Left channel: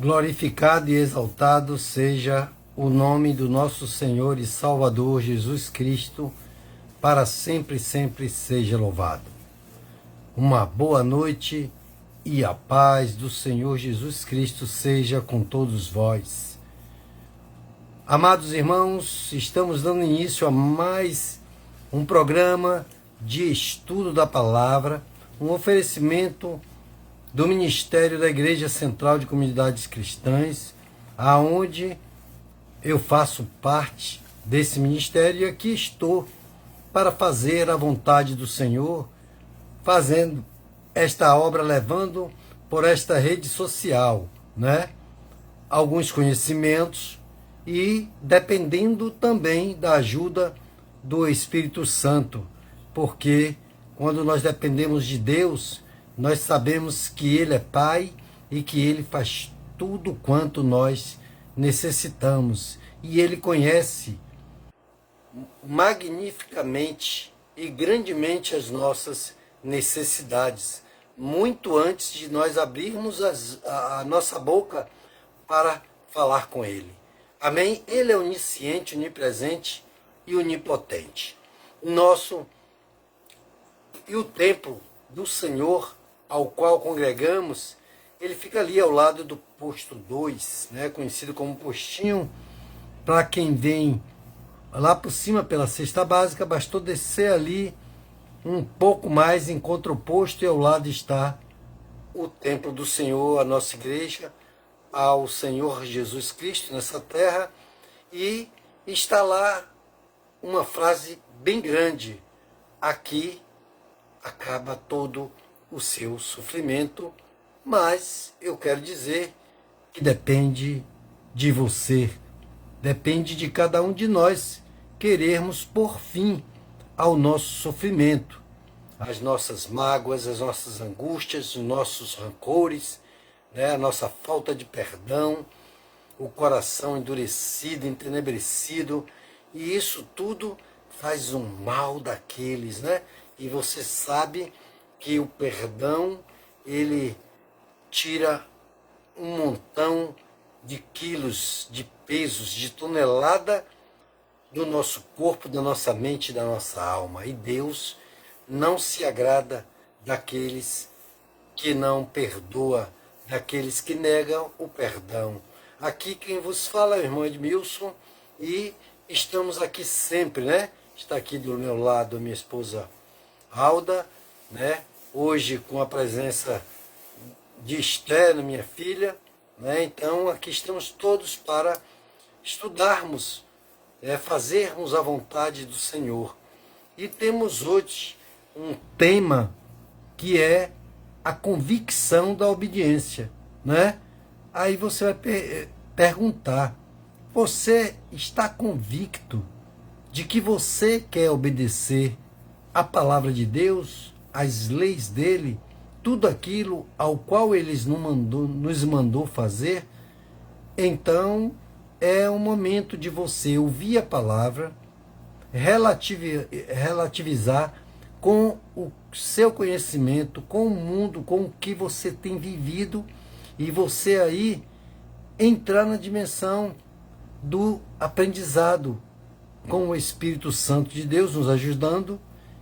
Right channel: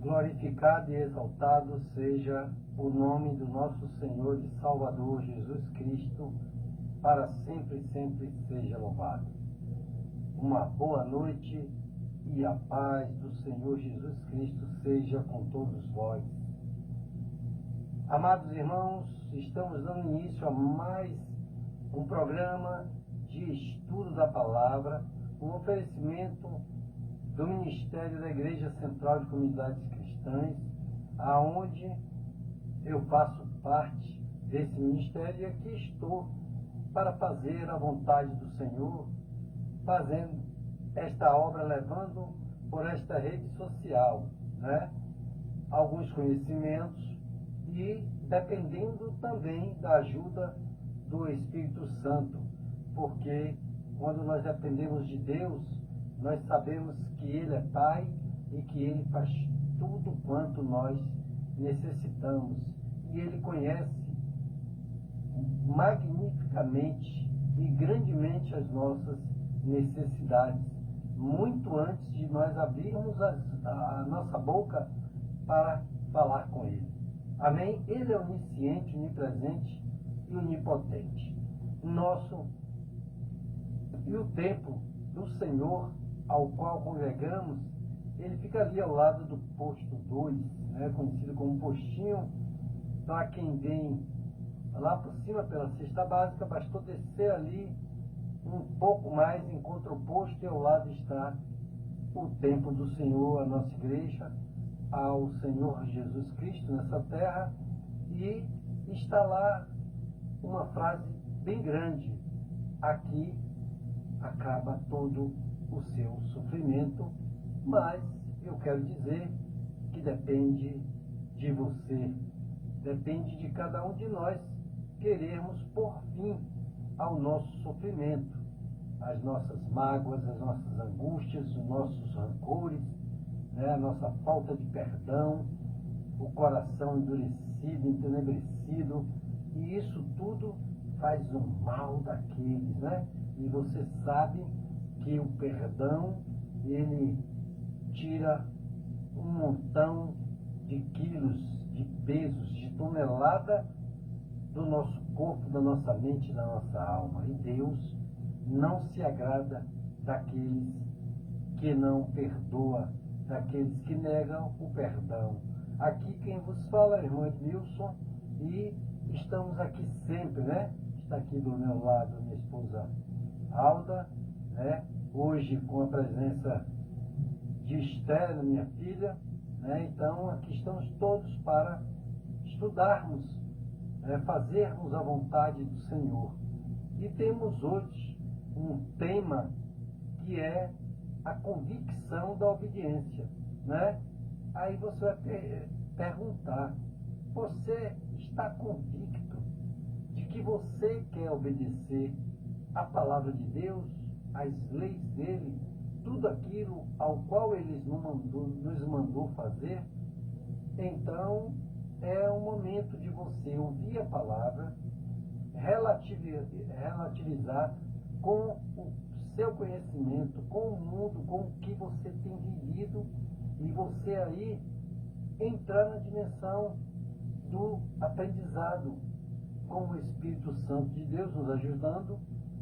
Glorificado e exaltado seja o nome do nosso Senhor e Salvador Jesus Cristo, para sempre e sempre seja louvado. Uma boa noite e a paz do Senhor Jesus Cristo seja com todos vós. Amados irmãos, estamos dando início a mais um programa de estudo da palavra, um oferecimento do Ministério da Igreja Central de Comunidades Cristãs, aonde eu faço parte desse ministério e aqui estou para fazer a vontade do Senhor, fazendo esta obra, levando por esta rede social, alguns conhecimentos e dependendo também da ajuda do Espírito Santo, porque quando nós dependemos de Deus, nós sabemos que Ele é Pai e que Ele faz tudo quanto nós necessitamos. E Ele conhece magnificamente e grandemente as nossas necessidades, muito antes de nós abrirmos a nossa boca para falar com Ele. Amém? Ele é onisciente, onipresente e onipotente. E o templo do Senhor, ao qual congregamos, ele fica ali ao lado do posto 2, conhecido como postinho. Para quem vem lá por cima pela cesta básica, bastou descer ali um pouco mais, encontra o posto e ao lado está o templo do Senhor, a nossa igreja, ao Senhor Jesus Cristo nessa terra, e está lá uma frase bem grande: aqui acaba todo o seu sofrimento. Mas eu quero dizer que depende de você, depende de cada um de nós querermos pôr fim ao nosso sofrimento, às nossas mágoas, às nossas angústias, os nossos rancores, a nossa falta de perdão, o coração endurecido, entenebrecido, e isso tudo faz um mal daqueles, E você sabe que o perdão, ele tira um montão de quilos, de pesos, de tonelada do nosso corpo, da nossa mente, da nossa alma. E Deus não se agrada daqueles que não perdoam, daqueles que negam o perdão. Aqui quem vos fala é o irmão Edmilson e estamos aqui sempre, Está aqui do meu lado a minha esposa Alda, Hoje com a presença de Esther, minha filha, Então aqui estamos todos para estudarmos, fazermos a vontade do Senhor. E temos hoje um tema que é a convicção da obediência, Aí você vai perguntar: você está convicto de que você quer obedecer a palavra de Deus, as leis dele, tudo aquilo ao qual ele nos mandou fazer? Então é o momento de você ouvir a palavra, relativizar com o seu conhecimento, com o mundo, com o que você tem vivido, e você aí entrar na dimensão do aprendizado, com o Espírito Santo de Deus nos ajudando.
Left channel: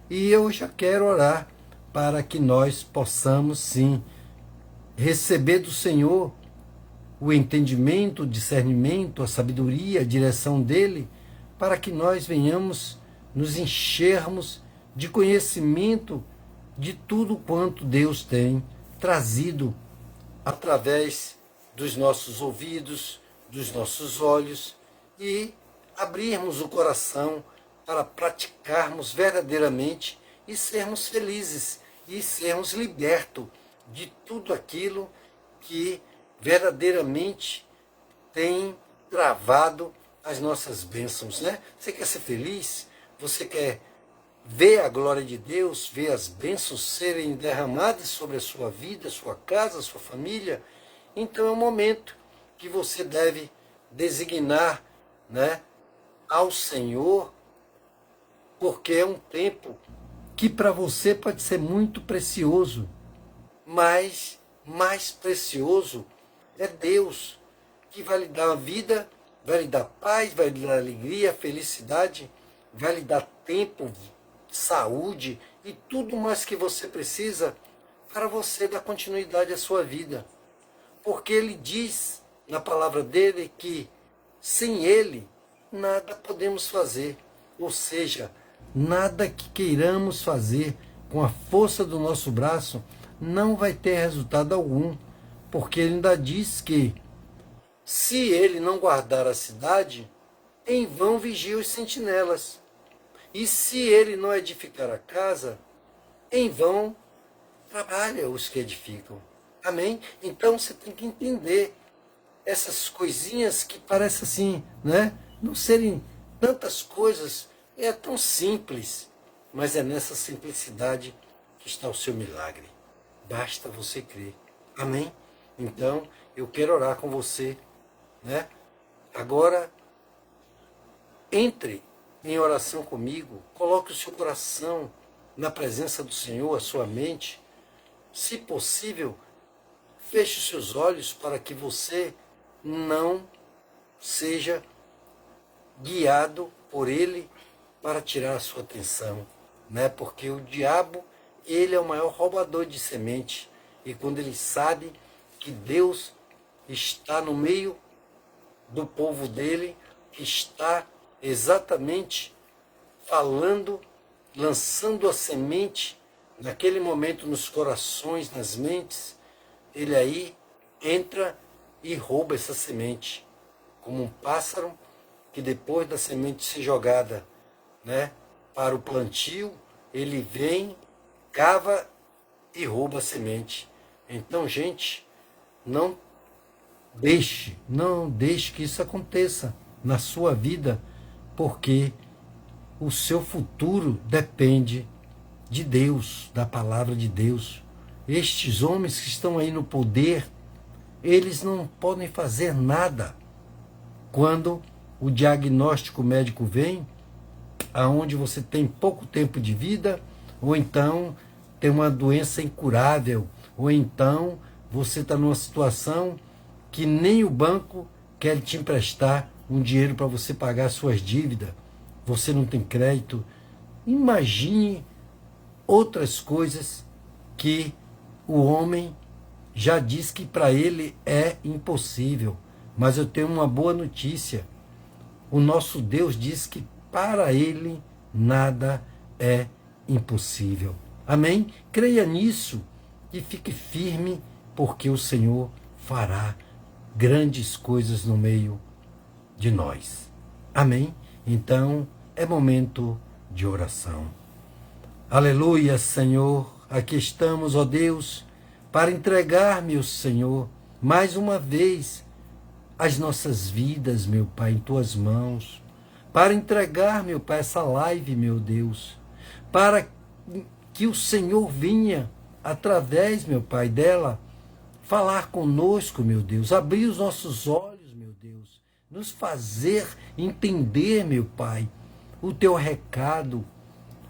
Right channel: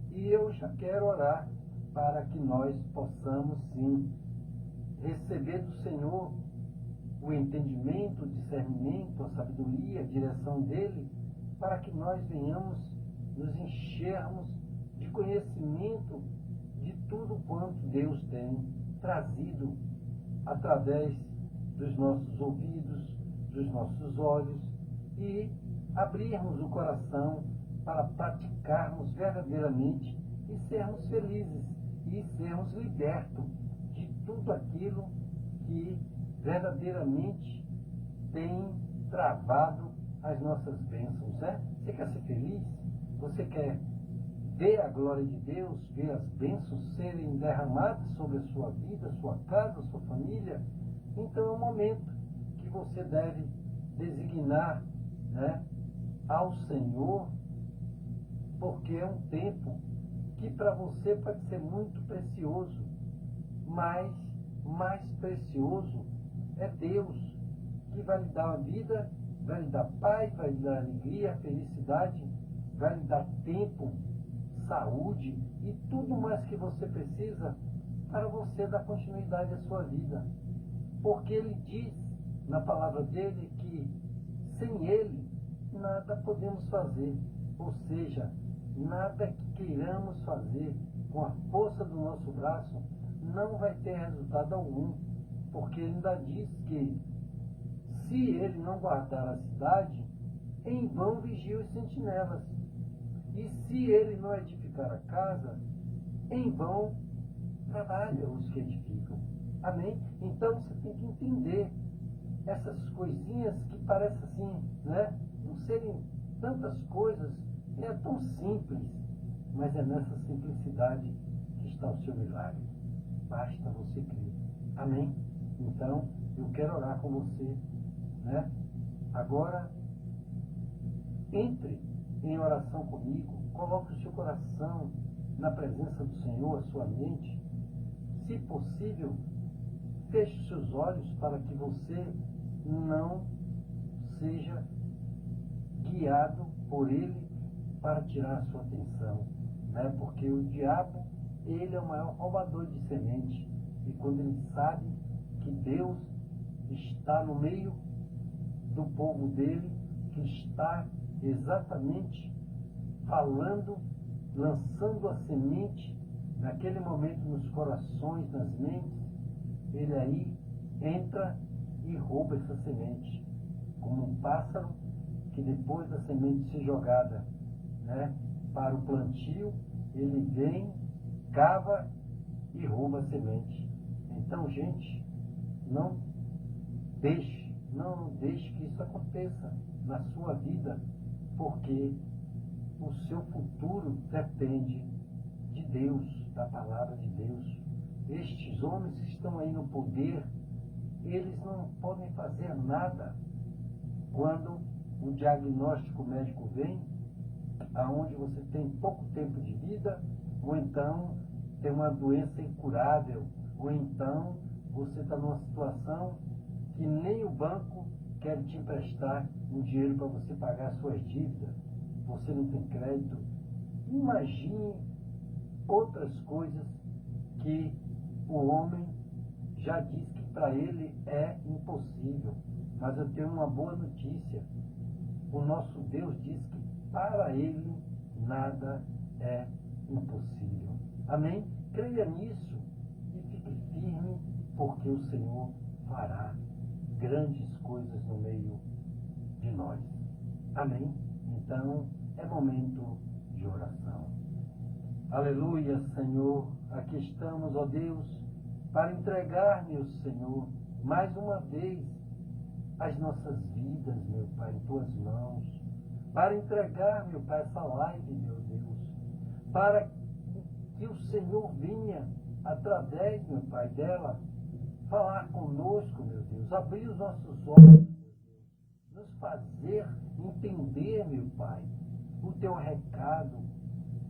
E eu já quero orar para que nós possamos, sim, receber do Senhor o entendimento, o discernimento, a sabedoria, a direção dEle, para que nós venhamos nos enchermos de conhecimento de tudo quanto Deus tem trazido através dos nossos ouvidos, dos nossos olhos, e abrirmos o coração para praticarmos verdadeiramente e sermos felizes e sermos libertos de tudo aquilo que verdadeiramente tem travado as nossas bênçãos, Você quer ser feliz? Você quer ver a glória de Deus, ver as bênçãos serem derramadas sobre a sua vida, a sua casa, a sua família? Então é o momento que você deve designar, ao Senhor, porque é um tempo que para você pode ser muito precioso, mas mais precioso É Deus que vai lhe dar a vida, vai lhe dar paz, vai lhe dar alegria, felicidade, vai lhe dar tempo, saúde e tudo mais que você precisa para você dar continuidade à sua vida. Porque ele diz na palavra dele que sem ele nada podemos fazer. Ou seja, nada que queiramos fazer com a força do nosso braço não vai ter resultado algum. Porque ele ainda diz que se ele não guardar a cidade, em vão vigiam os sentinelas. E se ele não edificar a casa, em vão trabalham os que edificam. Amém? Então você tem que entender essas coisinhas que parecem assim, né? Não serem tantas coisas, é tão simples, mas é nessa simplicidade que está o seu milagre. Basta você crer. Amém? Então, eu quero orar com você, né? Agora, entre em oração comigo, coloque o seu coração na presença do Senhor, a sua mente. Se possível, feche os seus olhos para que você não seja guiado por ele para tirar a sua atenção, né? Porque o diabo, ele é o maior roubador de semente. E quando ele sabe que Deus está no meio do povo dele, que está exatamente falando, lançando a semente naquele momento nos corações, nas mentes, ele aí entra e rouba essa semente, como um pássaro que depois da semente ser jogada, né, para o plantio, ele vem, cava e rouba a semente. Então, gente, não deixe que isso aconteça na sua vida, porque o seu futuro depende de Deus, da palavra de Deus. Estes homens que estão aí no poder, eles não podem fazer nada quando o diagnóstico médico vem, aonde você tem pouco tempo de vida, ou então tem uma doença incurável, ou então você está numa situação que nem o banco quer te emprestar um dinheiro para você pagar suas dívidas, você não tem crédito. Imagine outras coisas que o homem já diz que para ele é impossível. Mas eu tenho uma boa notícia. O nosso Deus diz que para ele nada é impossível. Amém? Creia nisso e fique firme, porque o Senhor fará grandes coisas no meio de nós. Amém? Então, é momento de oração. Aleluia, Senhor. Aqui estamos, ó Deus, para entregar, meu Senhor, mais uma vez, as nossas vidas, meu Pai, em Tuas mãos. Para entregar, meu Pai, essa live, meu Deus. Para que o Senhor venha, através, meu Pai, dela, falar conosco, meu Deus. Abrir os nossos olhos, meu Deus. Nos fazer entender, meu Pai, o Teu recado,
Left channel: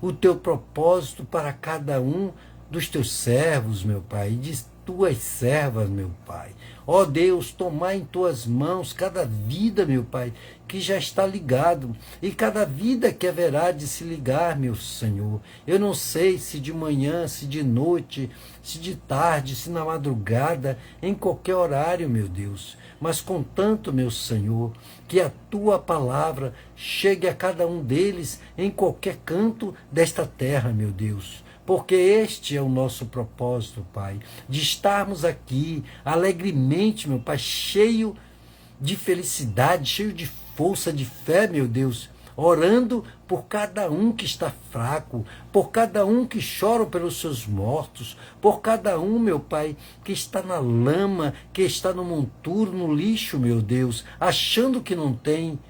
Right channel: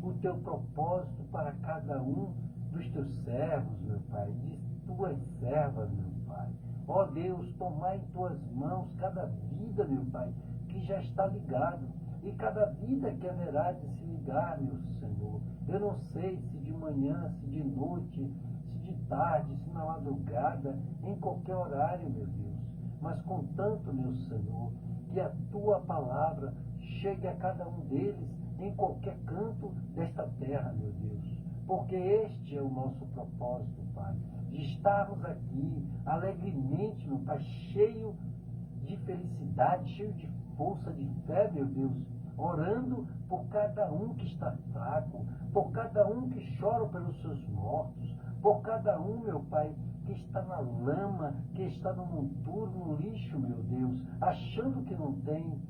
o Teu propósito para cada um dos Teus servos, meu Pai, e de Tuas servas, meu Pai. Ó Deus, tomar em Tuas mãos cada vida, meu Pai, que já está ligado, e cada vida que haverá de se ligar, meu Senhor. Eu não sei se de manhã, se de noite, se de tarde, se na madrugada, em qualquer horário, meu Deus. Mas contanto, meu Senhor, que a Tua palavra chegue a cada um deles em qualquer canto desta terra, meu Deus. Porque este é o nosso propósito, Pai, de estarmos aqui alegremente, meu Pai, cheio de felicidade, cheio de força, de fé, meu Deus, orando por cada um que está fraco, por cada um que chora pelos seus mortos, por cada um, meu Pai, que está na lama, que está no monturo, no lixo, meu Deus, achando que não tem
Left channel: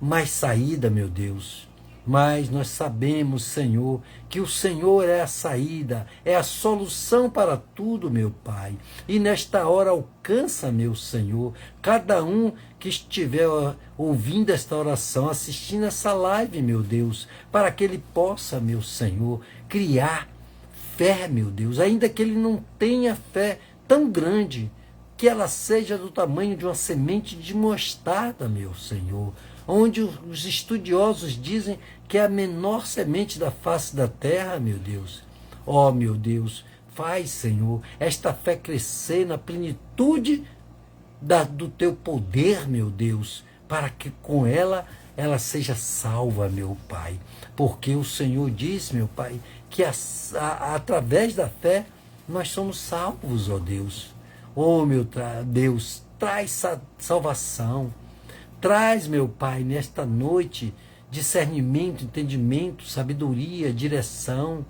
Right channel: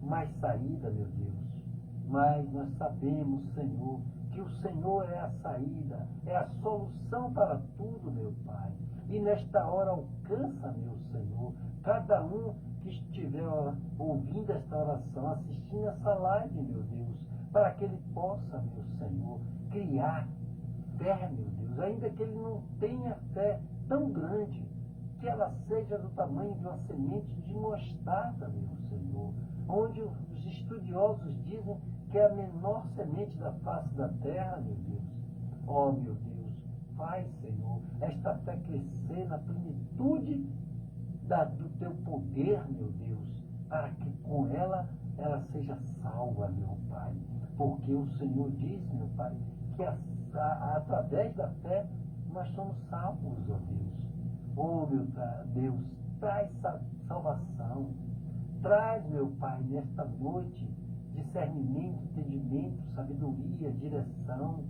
mais saída, meu Deus. Mas nós sabemos, Senhor, que o Senhor é a saída, é a solução para tudo, meu Pai. E nesta hora alcança, meu Senhor, cada um que estiver ouvindo esta oração, assistindo essa live, meu Deus, para que ele possa, meu Senhor, criar fé, meu Deus, ainda que ele não tenha fé tão grande, que ela seja do tamanho de uma semente de mostarda, meu Senhor, onde os estudiosos dizem que é a menor semente da face da terra, meu Deus. Ó, meu Deus, faz, Senhor, esta fé crescer na plenitude do teu poder, meu Deus, para que com ela seja salva, meu Pai. Porque o Senhor diz, meu Pai, que através da fé nós somos salvos, ó Deus. Ó, meu Deus, traz salvação. Traz, meu Pai, nesta noite, discernimento, entendimento, sabedoria, direção.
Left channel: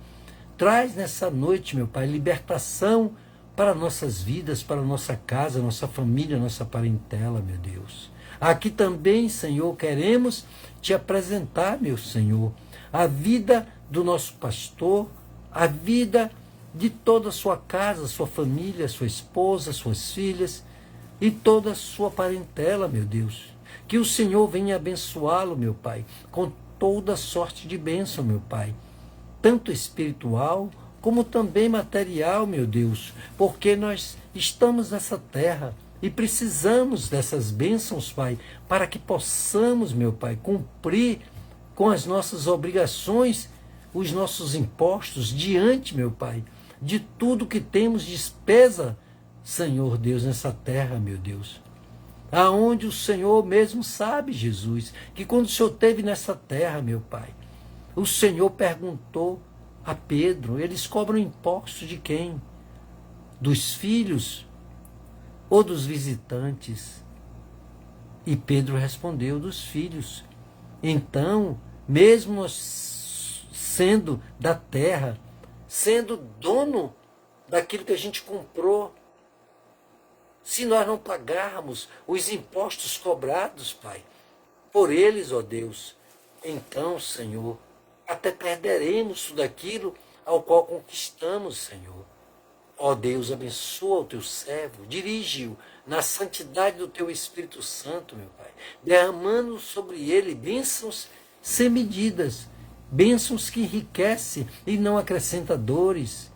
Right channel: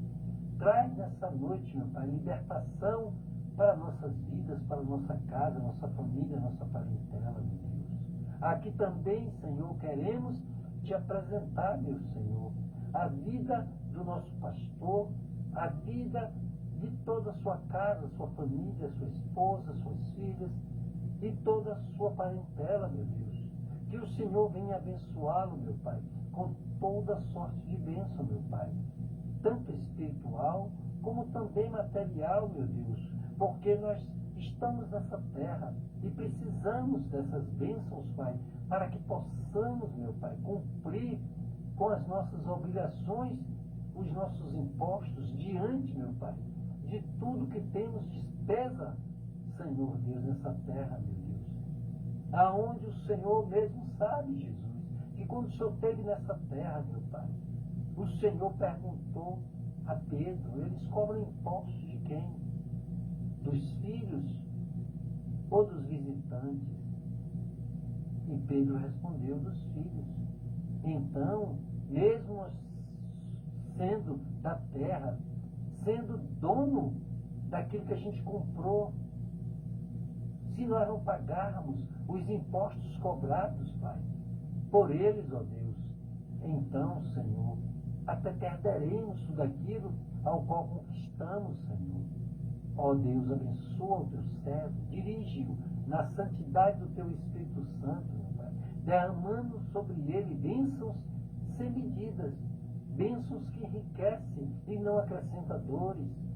Traz nessa noite, meu Pai, libertação para nossas vidas, para nossa casa, nossa família, nossa parentela, meu Deus. Aqui também, Senhor, queremos te apresentar, meu Senhor, a vida do nosso pastor, a vida de toda a sua casa, sua família, sua esposa, suas filhas e toda a sua parentela, meu Deus. Que o Senhor venha abençoá-lo, meu Pai, com toda sorte de bênção, meu Pai, tanto espiritual como também material, meu Deus, porque nós estamos nessa terra e precisamos dessas bênçãos, Pai, para que possamos, meu Pai, cumprir com as nossas obrigações, os nossos impostos diante, meu Pai, de tudo que temos despesa, Senhor Deus, nessa terra, meu Deus. Aonde o Senhor mesmo sabe, Jesus, que quando o Senhor esteve nessa terra, meu Pai, o Senhor perguntou a Pedro, eles cobram impostos de quem? Dos filhos ou dos visitantes? E Pedro respondeu, dos filhos. Então, mesmo nós sendo da terra, sendo dono daquilo que a gente comprou, se nós não pagarmos os impostos cobrados, Pai, por eles, ó Deus, então, Senhor, até perderemos tudo aquilo ao qual conquistamos, Senhor. Ó Deus, abençoa o teu servo, dirige-o na santidade do teu Espírito Santo, meu Pai, derramando sobre ele bênçãos sem medidas, bênçãos que enriquecem e não acrescenta dores,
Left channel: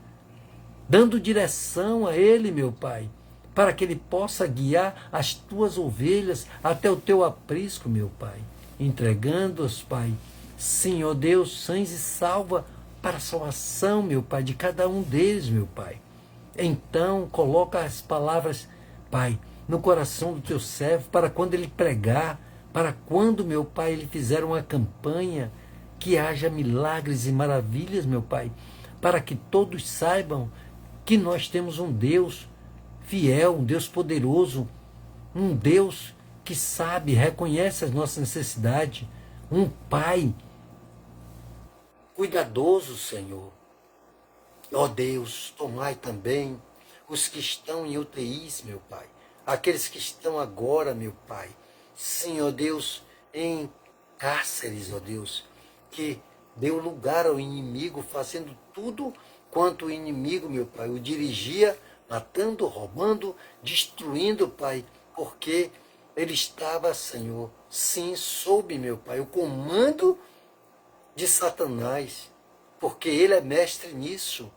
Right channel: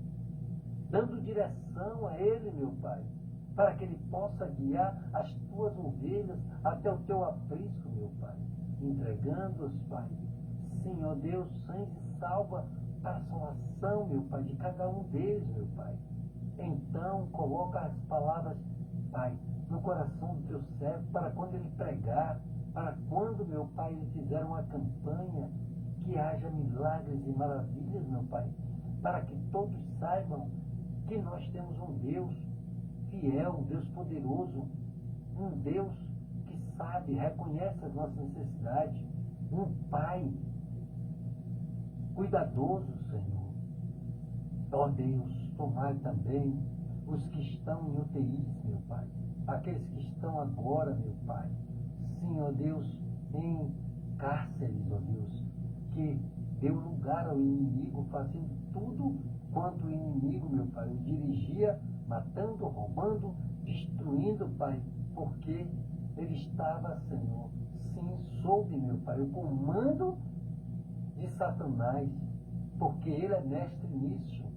dando direção a ele, meu Pai, para que ele possa guiar as tuas ovelhas até o teu aprisco, meu Pai, entregando-as, Pai, sim, ó Deus, sãs e salva para a salvação, meu Pai, de cada um deles, meu Pai. Então, coloca as palavras, Pai, no coração do teu servo, para quando ele pregar, para quando, meu Pai, ele fizer uma campanha, que haja milagres e maravilhas, meu Pai, para que todos saibam que nós temos um Deus fiel, um Deus poderoso, um Deus que sabe, reconhece as nossas necessidades, um Pai cuidadoso, Senhor. Ó Deus, tomai também os que estão em UTIs, meu Pai, aqueles que estão agora, meu Pai, sim, ó Deus, em cárceres, ó Deus, que deu lugar ao inimigo, fazendo tudo quanto o inimigo, meu Pai, o dirigia, matando, roubando, destruindo, Pai, porque ele estava, Senhor, sim, sob, meu Pai, o comando de Satanás, porque ele é mestre nisso.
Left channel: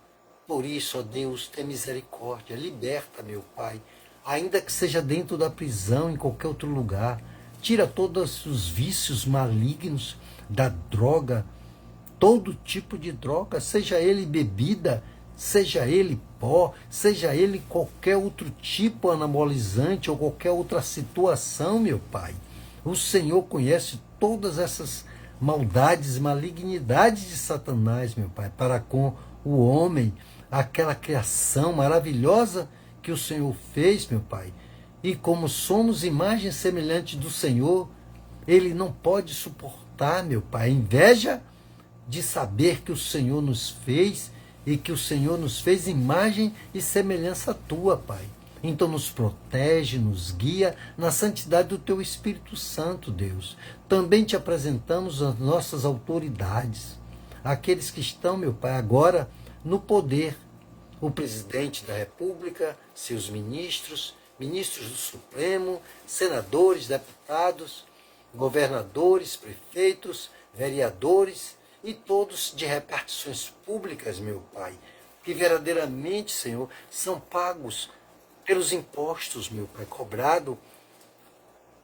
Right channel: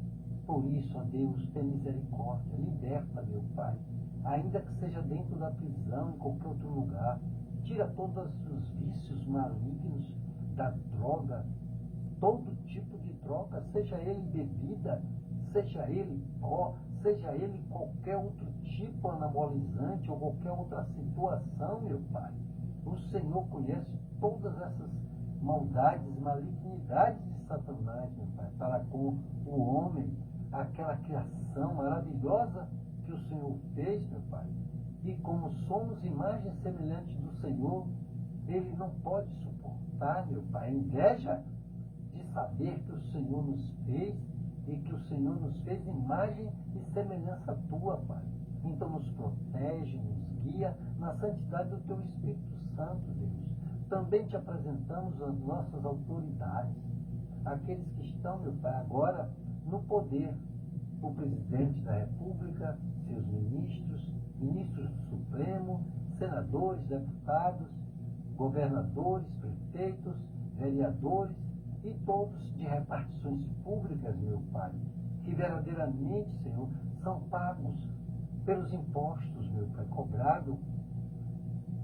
Por isso, ó Deus, tem misericórdia, liberta, meu Pai, ainda que seja dentro da prisão, em qualquer outro lugar, tira todos os vícios malignos da droga, todo tipo de droga, seja ele bebida, seja ele pó, seja ele qualquer outro tipo anabolizante ou qualquer outra situação, meu Pai. O Senhor conhece todas essas maldades, malignidades de Satanás, meu Pai, para com o homem, aquela criação maravilhosa que o Senhor fez, meu Pai. E como somos imagem semelhante do Senhor, ele não pode suportar, meu Pai, a inveja de saber que o Senhor nos fez e que o Senhor nos fez imagem e semelhança tua, Pai. Então nos protege, nos guia na santidade do teu Espírito Santo, Deus. Também te apresentamos as nossas autoridades, aqueles que estão, meu Pai, agora no poder. O presidente da República, seus ministros, ministros do Supremo, senadores, deputados, governadores, prefeitos, vereadores e todos de repartições públicas, meu Pai, que verdadeiramente, Senhor, são pagos pelos impostos, meu Pai, cobrado,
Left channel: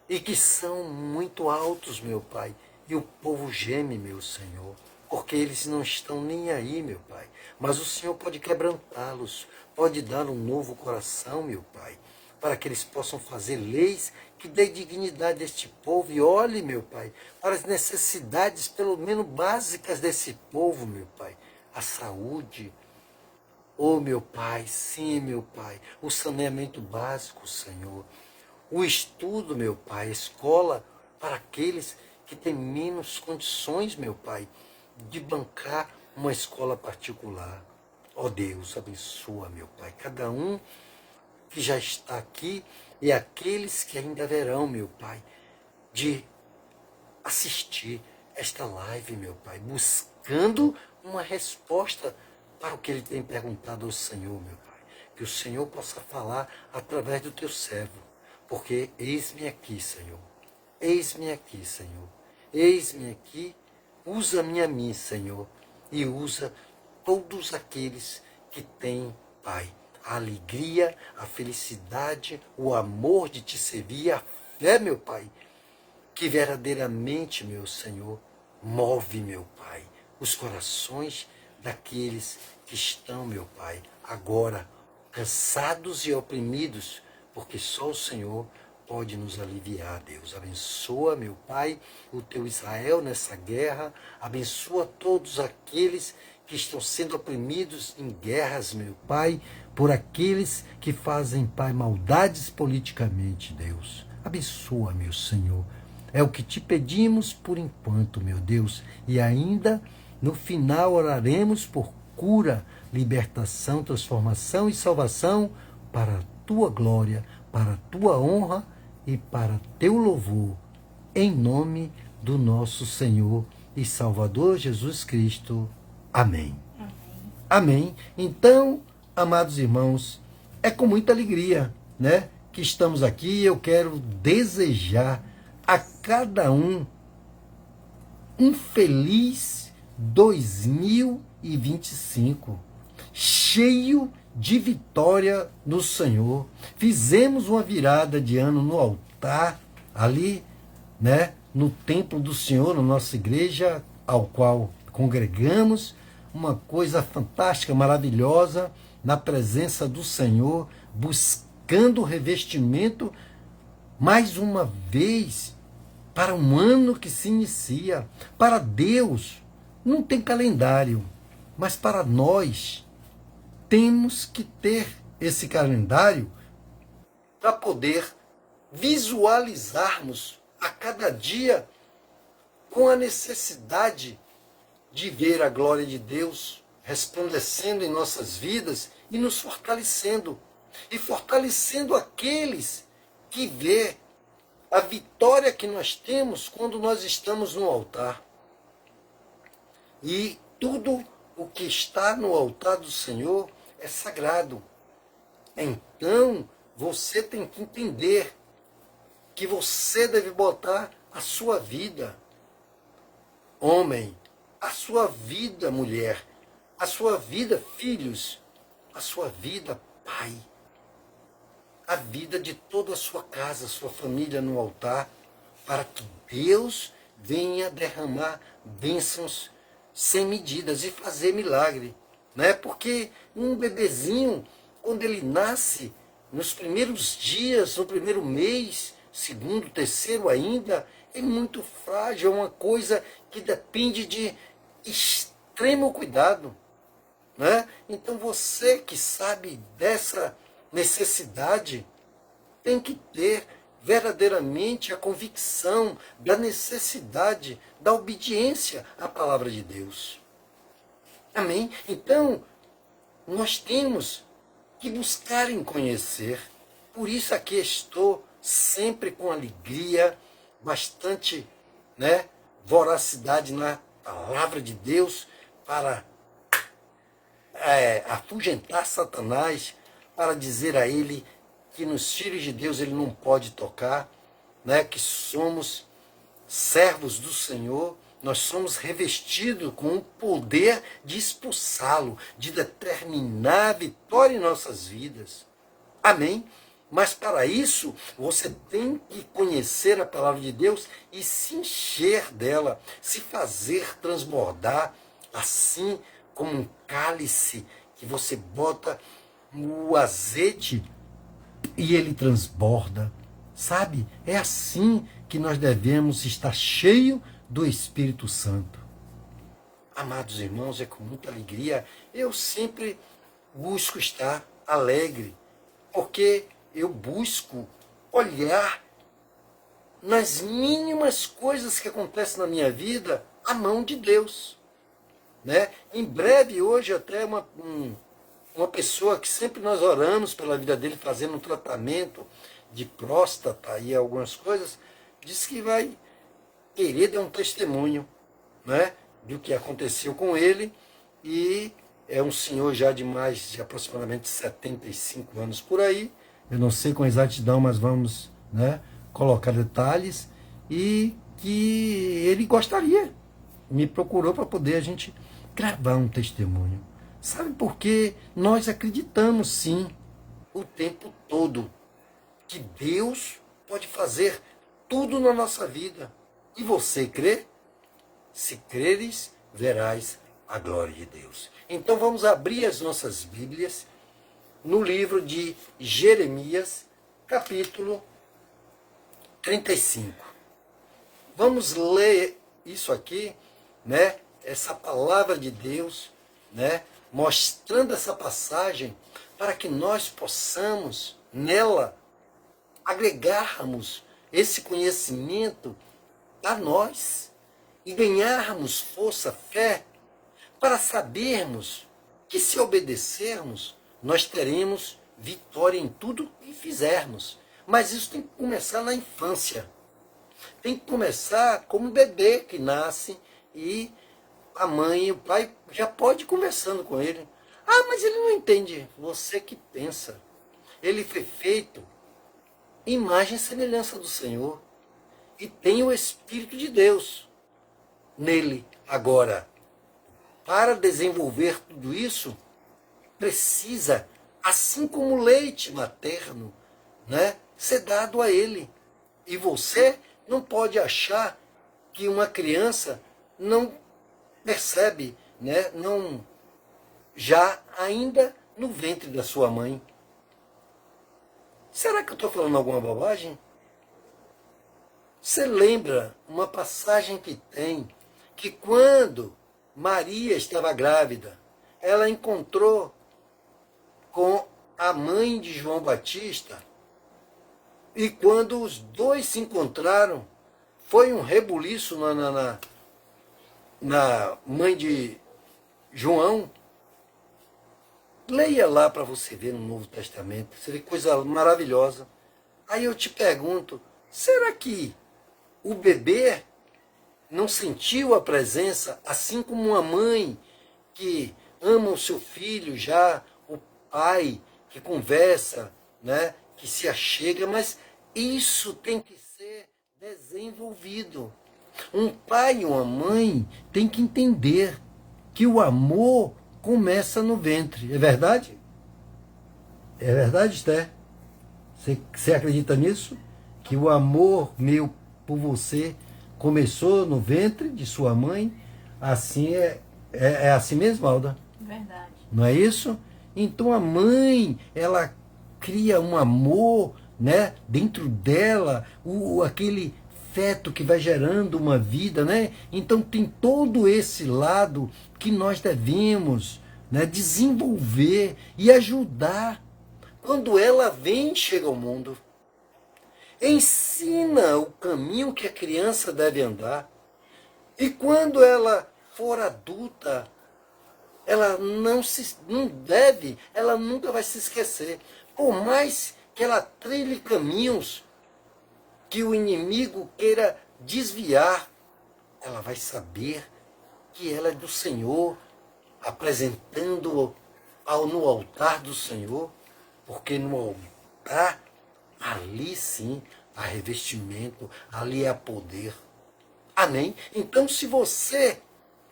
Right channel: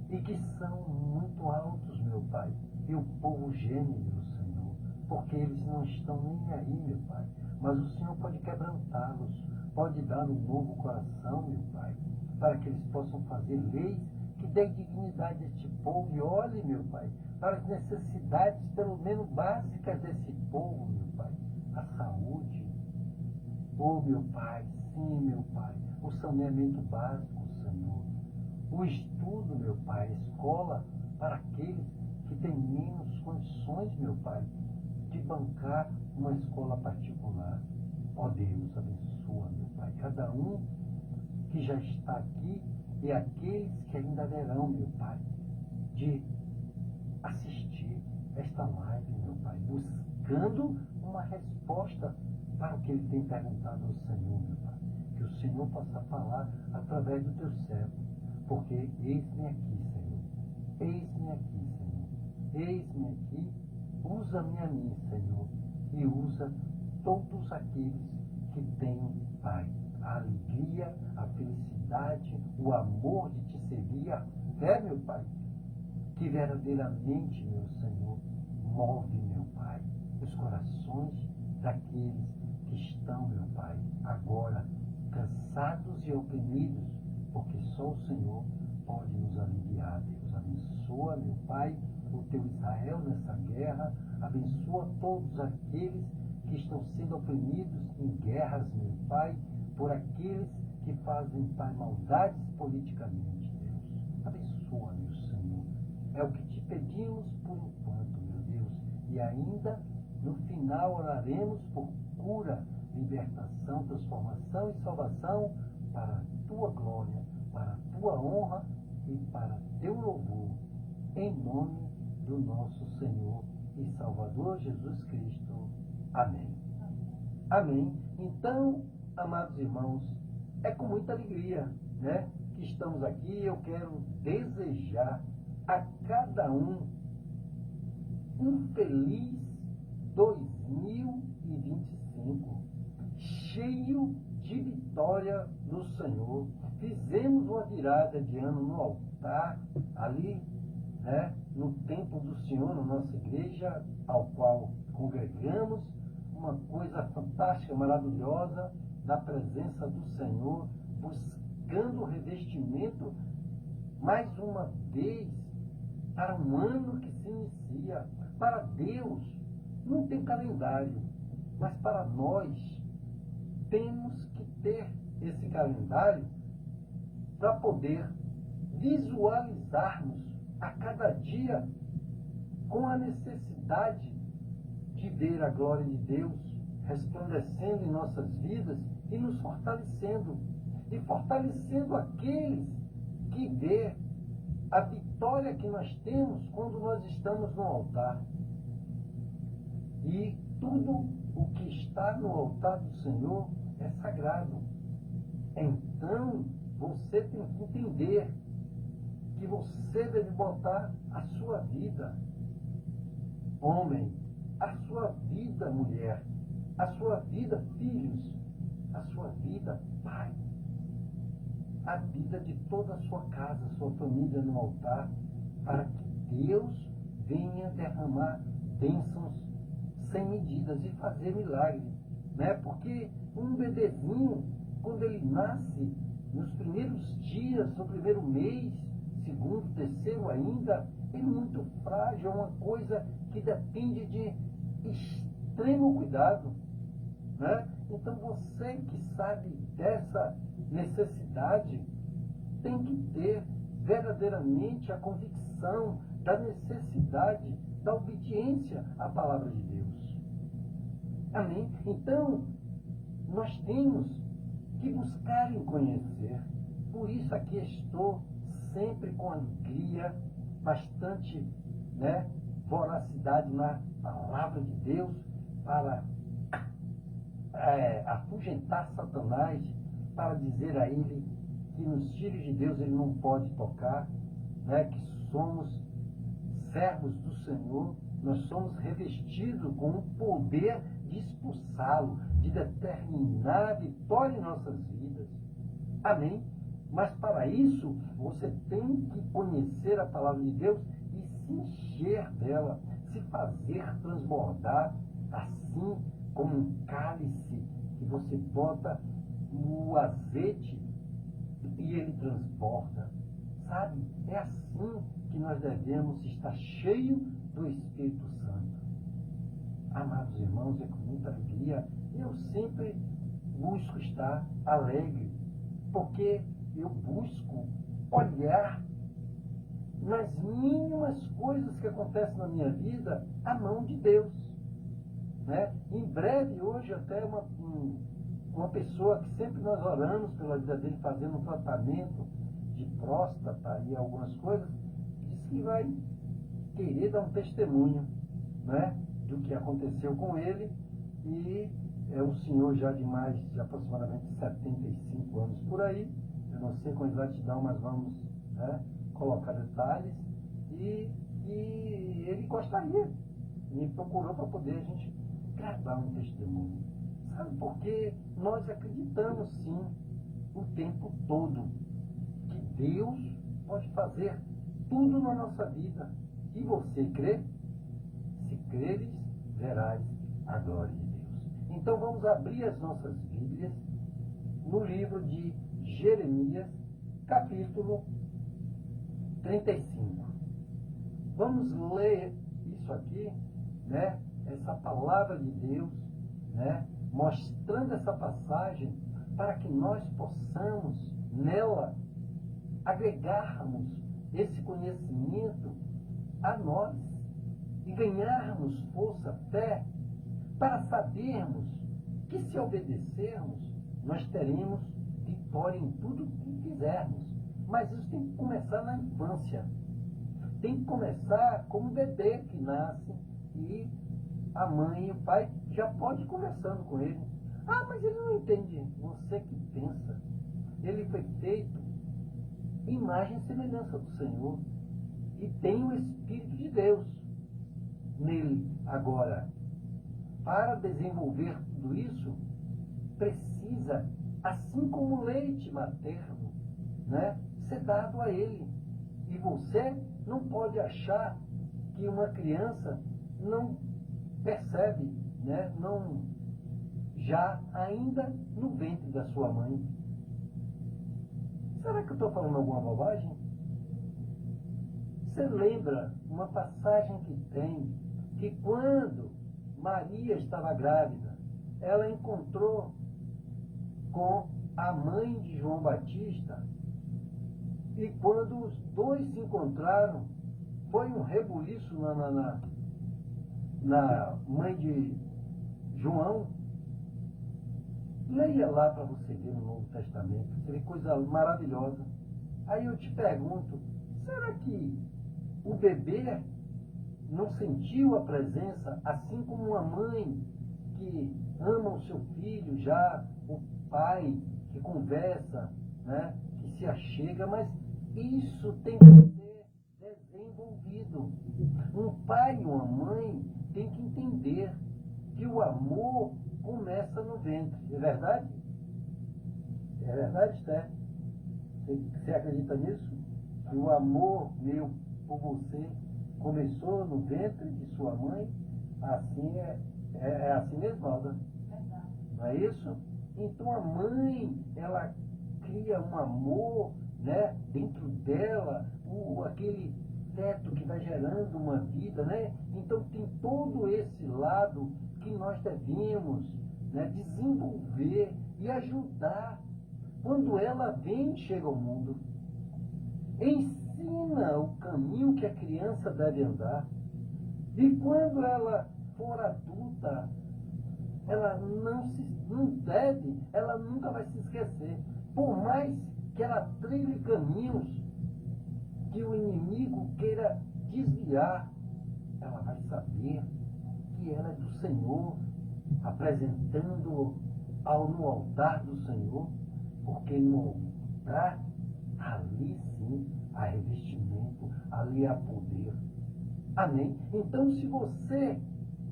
e que são muito altos, meu Pai. E o povo geme, meu Senhor, porque eles não estão nem aí, meu Pai. Mas o Senhor pode quebrantá-los, pode dar um novo coração, meu Pai, para que eles possam fazer leis que dê dignidade a este povo. E olhe, meu Pai, para as necessidades, pelo menos básicas desse povo, meu Pai. A saúde, oh, meu Pai, sim, meu Pai, o saneamento básico, Senhor. O estudo, meu Pai, a escola para aqueles que têm menos condições, meu Pai, de bancar uma escola particular. Ó Deus, abençoa, meu Pai, cada um que já está aqui e aqueles que ainda verão, meu Pai, de assistir esta live, meu Pai, buscando uma resposta para o que ele tem perguntado ao Senhor, meu Pai. Que o Senhor possa falar através do teu servo, porque eis-me aqui, Senhor. Eis-me aqui, Senhor. Eis-me aqui, usa-me a mim, Senhor, e usa todos aqueles que têm, Pai, a alegria, a felicidade, o amor de te servir, a fé, meu Pai, que verdadeiramente, meu Senhor, move, meu Pai, os corações daqueles que estão, meu Pai, agora cansados e oprimidos, porque só o Senhor pode nos aliviar, Deus. Abençoa, meu Pai, o teu Israel nessa guerra, abençoa todos aqueles que estão sendo oprimidos em guerras, meu Pai, por aqueles que fazem, Pai, maldades politicamente, Deus. Abençoa, meu Senhor. É o que te pedimos por enquanto, meu Deus. E ainda, no final, oraremos por cura, libertação, transformação e salvação para a tua glória, para a tua honra e para teu louvor. Em nome do nosso Senhor e Salvador Jesus Cristo. Amém. Amém. Então, amados irmãos, é com muita alegria, né, que estamos aqui. Eu quero desejar a cada um feliz 2025, cheio de vitória no Senhor. Fizemos uma virada de ano no altar, ali, né, no templo do Senhor, na nossa igreja, ao qual congregamos, uma coisa fantástica, maravilhosa, na presença do Senhor, buscando o revestimento, mais uma vez, para um ano que se inicia. Para Deus, não tem calendário, mas para nós, temos que ter esse calendário para poder visualizarmos a cada dia com a necessidade de ver a glória de Deus resplandecendo em nossas vidas e nos fortalecendo. E fortalecendo aqueles que vê a vitória que nós temos quando nós estamos no altar. E tudo o que está no altar do Senhor é sagrado. Então, você tem que entender que você deve botar a sua vida, homem, a sua vida, mulher, a sua vida, filhos, a sua vida, pai, a vida de toda a sua casa, sua família no altar, para que Deus venha derramar bênçãos sem medidas e fazer milagre, né? Porque um bebezinho, quando ele nasce, nos primeiros dias, no primeiro mês, segundo, terceiro ainda, é muito frágil, é uma coisa que depende de extremo cuidado, né? Então você que sabe dessa necessidade, tem que ter verdadeiramente a convicção da necessidade da obediência à palavra de Deus. Amém? Então, nós temos que buscar em conhecer. Por isso aqui estou sempre com alegria, bastante, né, voracidade na palavra de Deus para afugentar Satanás, para dizer a ele que nos filhos de Deus ele não pode tocar, né, que somos servos do Senhor, nós somos revestidos com o poder de expulsá-lo, de determinar a vitória em nossas vidas. Amém? Mas para isso, você tem que conhecer a palavra de Deus e se encher dela, se fazer transbordar, assim como um cálice que você bota o azeite e ele transborda. Sabe? É assim que nós devemos estar cheio do Espírito Santo. Amados irmãos, é com muita alegria. Eu sempre busco estar alegre, porque eu busco olhar nas mínimas coisas que acontecem na minha vida a mão de Deus. Né? Em breve, hoje, até uma pessoa que sempre nós oramos pela vida dele, fazendo um tratamento de próstata e algumas coisas, disse que vai querer dar um testemunho, né, do que aconteceu com ele, e é um senhor já de aproximadamente 75 anos por aí. Eu não sei com exatidão, mas vamos, né, colocar detalhes, e que ele gostaria, me procurou para poder a gente gravar um testemunho. Sabe por quê? Nós acreditamos sim, o tempo todo, que Deus pode fazer tudo na nossa vida. E você crê? Se creres, verás a glória de Deus. Então vamos abrir as nossas Bíblias no livro de Jeremias, capítulo 35. Vamos ler isso aqui, né? Essa palavra de Deus, né? Mostrando essa passagem para que nós possamos nela agregarmos esse conhecimento a nós e ganharmos força, fé, para sabermos que se obedecermos, nós teremos vitória em tudo que fizermos. Mas isso tem que começar na infância. Tem que começar como um bebê que nasce e a mãe e o pai já pode ir conversando com ele. Ah, mas ele não entende. Você que pensa. Ele foi feito imagem e semelhança do Senhor, e tem o Espírito de Deus nele. Agora, para desenvolver tudo isso, precisa, assim como o leite materno, né, ser dado a ele. E você não pode achar que uma criança não percebe, né, não, já ainda no ventre da sua mãe. Será que eu estou falando alguma bobagem? Você lembra uma passagem que tem, que quando Maria estava grávida, ela encontrou com a mãe de João Batista, e quando os dois se encontraram, foi um rebuliço na mãe de João. Leia lá para você ver no Novo Testamento, você vê coisa maravilhosa. Aí eu te pergunto, será que o bebê não sentiu a presença, assim como uma mãe que ama o seu filho já, o pai que conversa, né, que se achega, mas isso tem que ser desenvolvido. Um pai e uma mãe tem que entender que o amor começa no ventre. É verdade? É verdade, Esther? Você acredita nisso? Que o amor meu por você começou no ventre de sua mãe? Assim é assim mesmo, Alda? Verdade. Não é isso? Então a mãe, ela cria um amor, né, dentro dela, aquele feto que vai gerando uma vida, né? Então tem todo esse lado que nós devemos, né, desenvolver e ajudar. Quando ela vem, chega ao mundo, ensina o caminho que a criança deve andar. E quando ela for adulta, ela ela nunca vai se esquecer. Por mais que ela trilhe caminhos que o inimigo queira desviar, ela vai saber que ela é do Senhor, apresentando no altar do Senhor, porque no altar, ali sim, há revestimento, ali há poder. Amém? Então, se você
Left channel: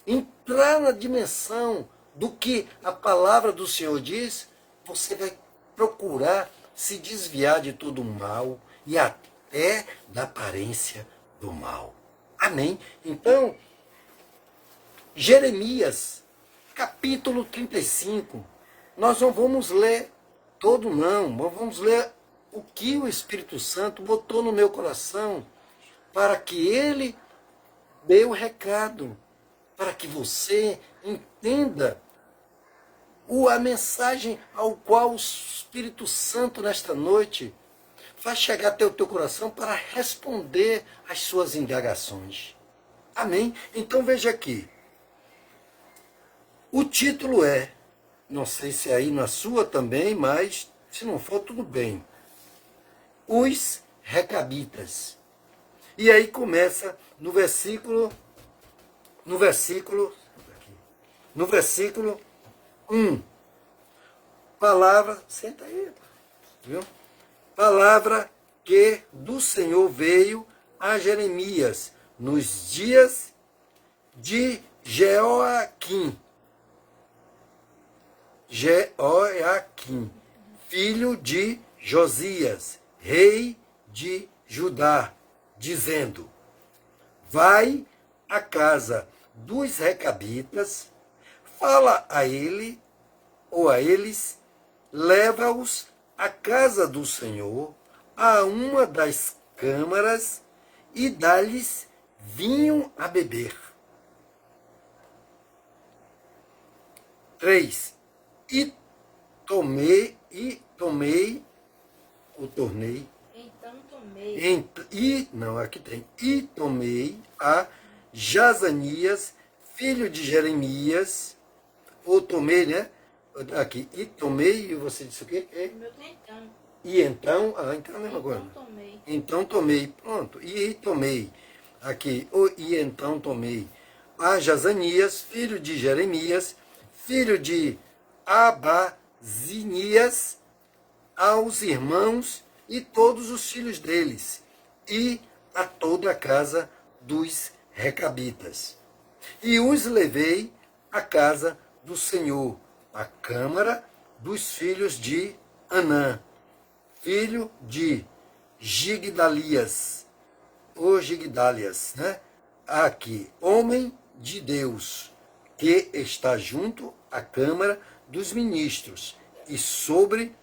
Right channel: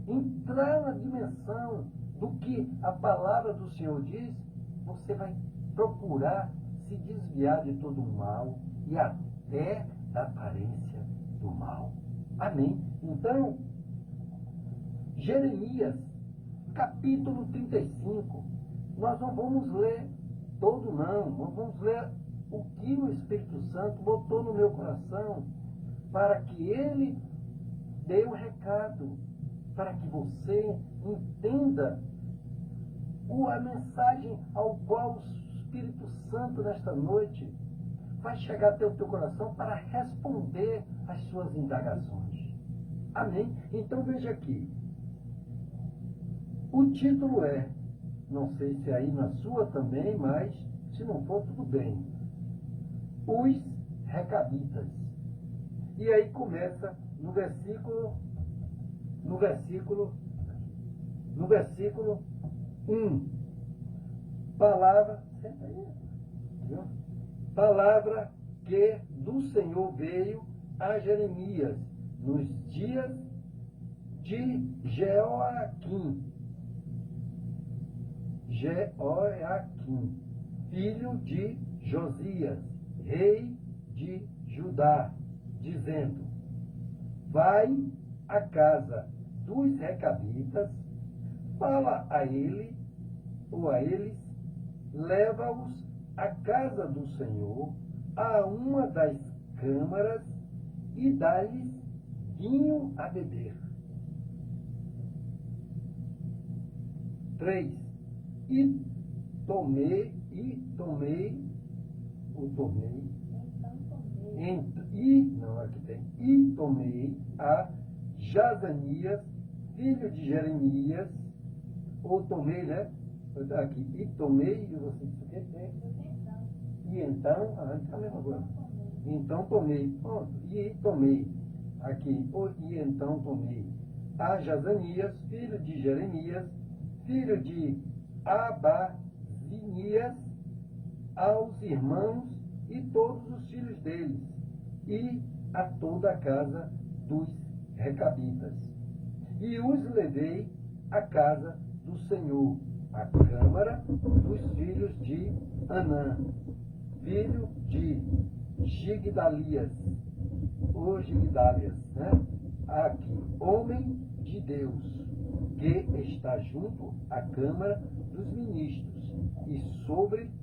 entrar na dimensão do que a palavra do Senhor diz, você vai procurar se desviar de todo o mal e até da aparência do mal. Amém? Então, Jeremias, capítulo 35, nós não vamos ler todo não, vamos ler o que o Espírito Santo botou no meu coração para que ele dê o recado, para que você entenda a mensagem ao qual o Espírito Santo nesta noite vai chegar até o teu coração para responder às suas indagações. Amém? Então veja aqui. O título é, não sei se é aí na sua também, mas se não for, tudo bem. Os Recabitas. E aí começa no versículo 1. Palavra, senta aí, viu? Palavra que do Senhor veio a Jeremias nos dias de Jeoaquim, filho de Josias, rei de Judá, dizendo: vai à casa dos Recabitas, fala a ele ou a eles, leva-os à casa do Senhor, a uma das câmaras, e dá-lhes vinho a beber. 3. E tomei a Jazanias, filho de Jeremias, ou tomei, né? Aqui, e tomei, e você disse o quê? E então, então é a mesma coisa. Então tomei, pronto, e tomei, aqui, e então tomei a Jazanias, filho de Jeremias, filho de Abazinias, aos irmãos e todos os filhos deles, e a toda a casa dos Recabitas. E os levei à casa do Senhor, à câmara dos filhos de Anã, filho de Gigdalias, né? Aqui, homem de Deus, que está junto à câmara dos ministros, e sobre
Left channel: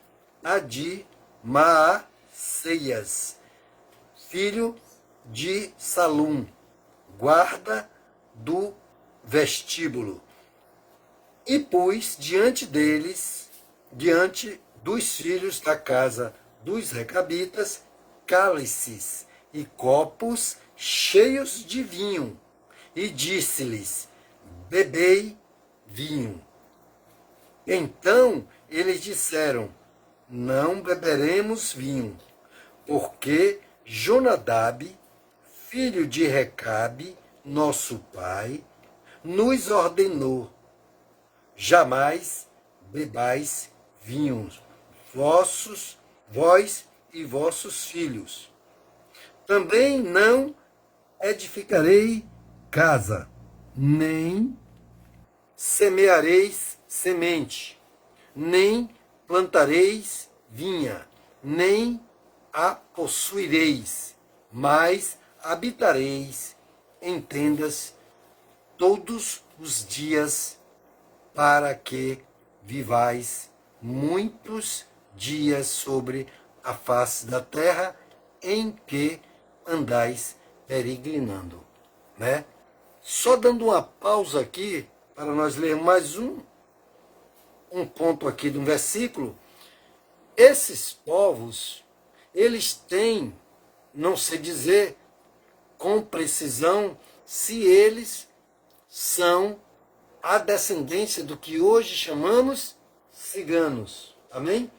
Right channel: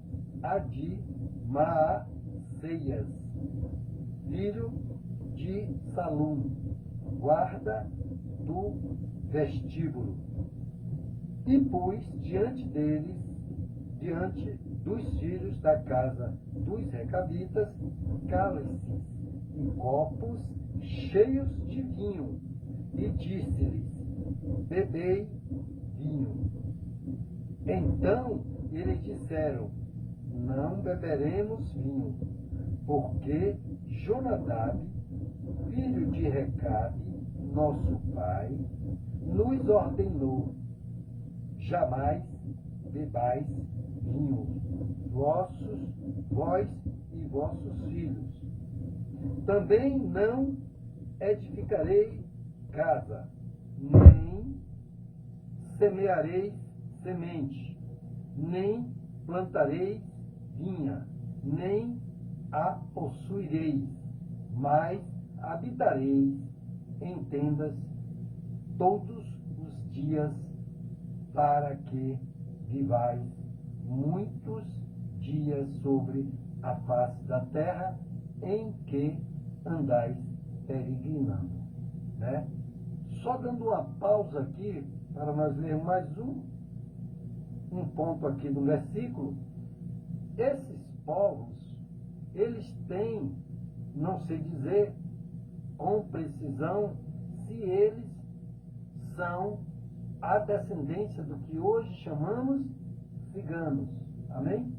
a de Maaseias, filho de Salum, guarda do vestíbulo. E pus diante deles, diante dos filhos da casa dos Recabitas, cálices e copos cheios de vinho, e disse-lhes: bebei vinho. Então eles disseram: não beberemos vinho, porque Jonadab, filho de Recabe, nosso pai, nos ordenou: jamais bebais vinho, vós e vossos filhos. Também não edificarei casa, nem semeareis semente, nem plantareis vinha, nem a possuireis, mas habitareis em tendas todos os dias, para que vivais muitos dias sobre a face da terra em que andais peregrinando, né? Só dando uma pausa aqui, para nós ler mais um ponto aqui de um versículo. Esses povos, eles têm, não sei dizer com precisão, se eles são a descendência do que hoje chamamos ciganos. Amém?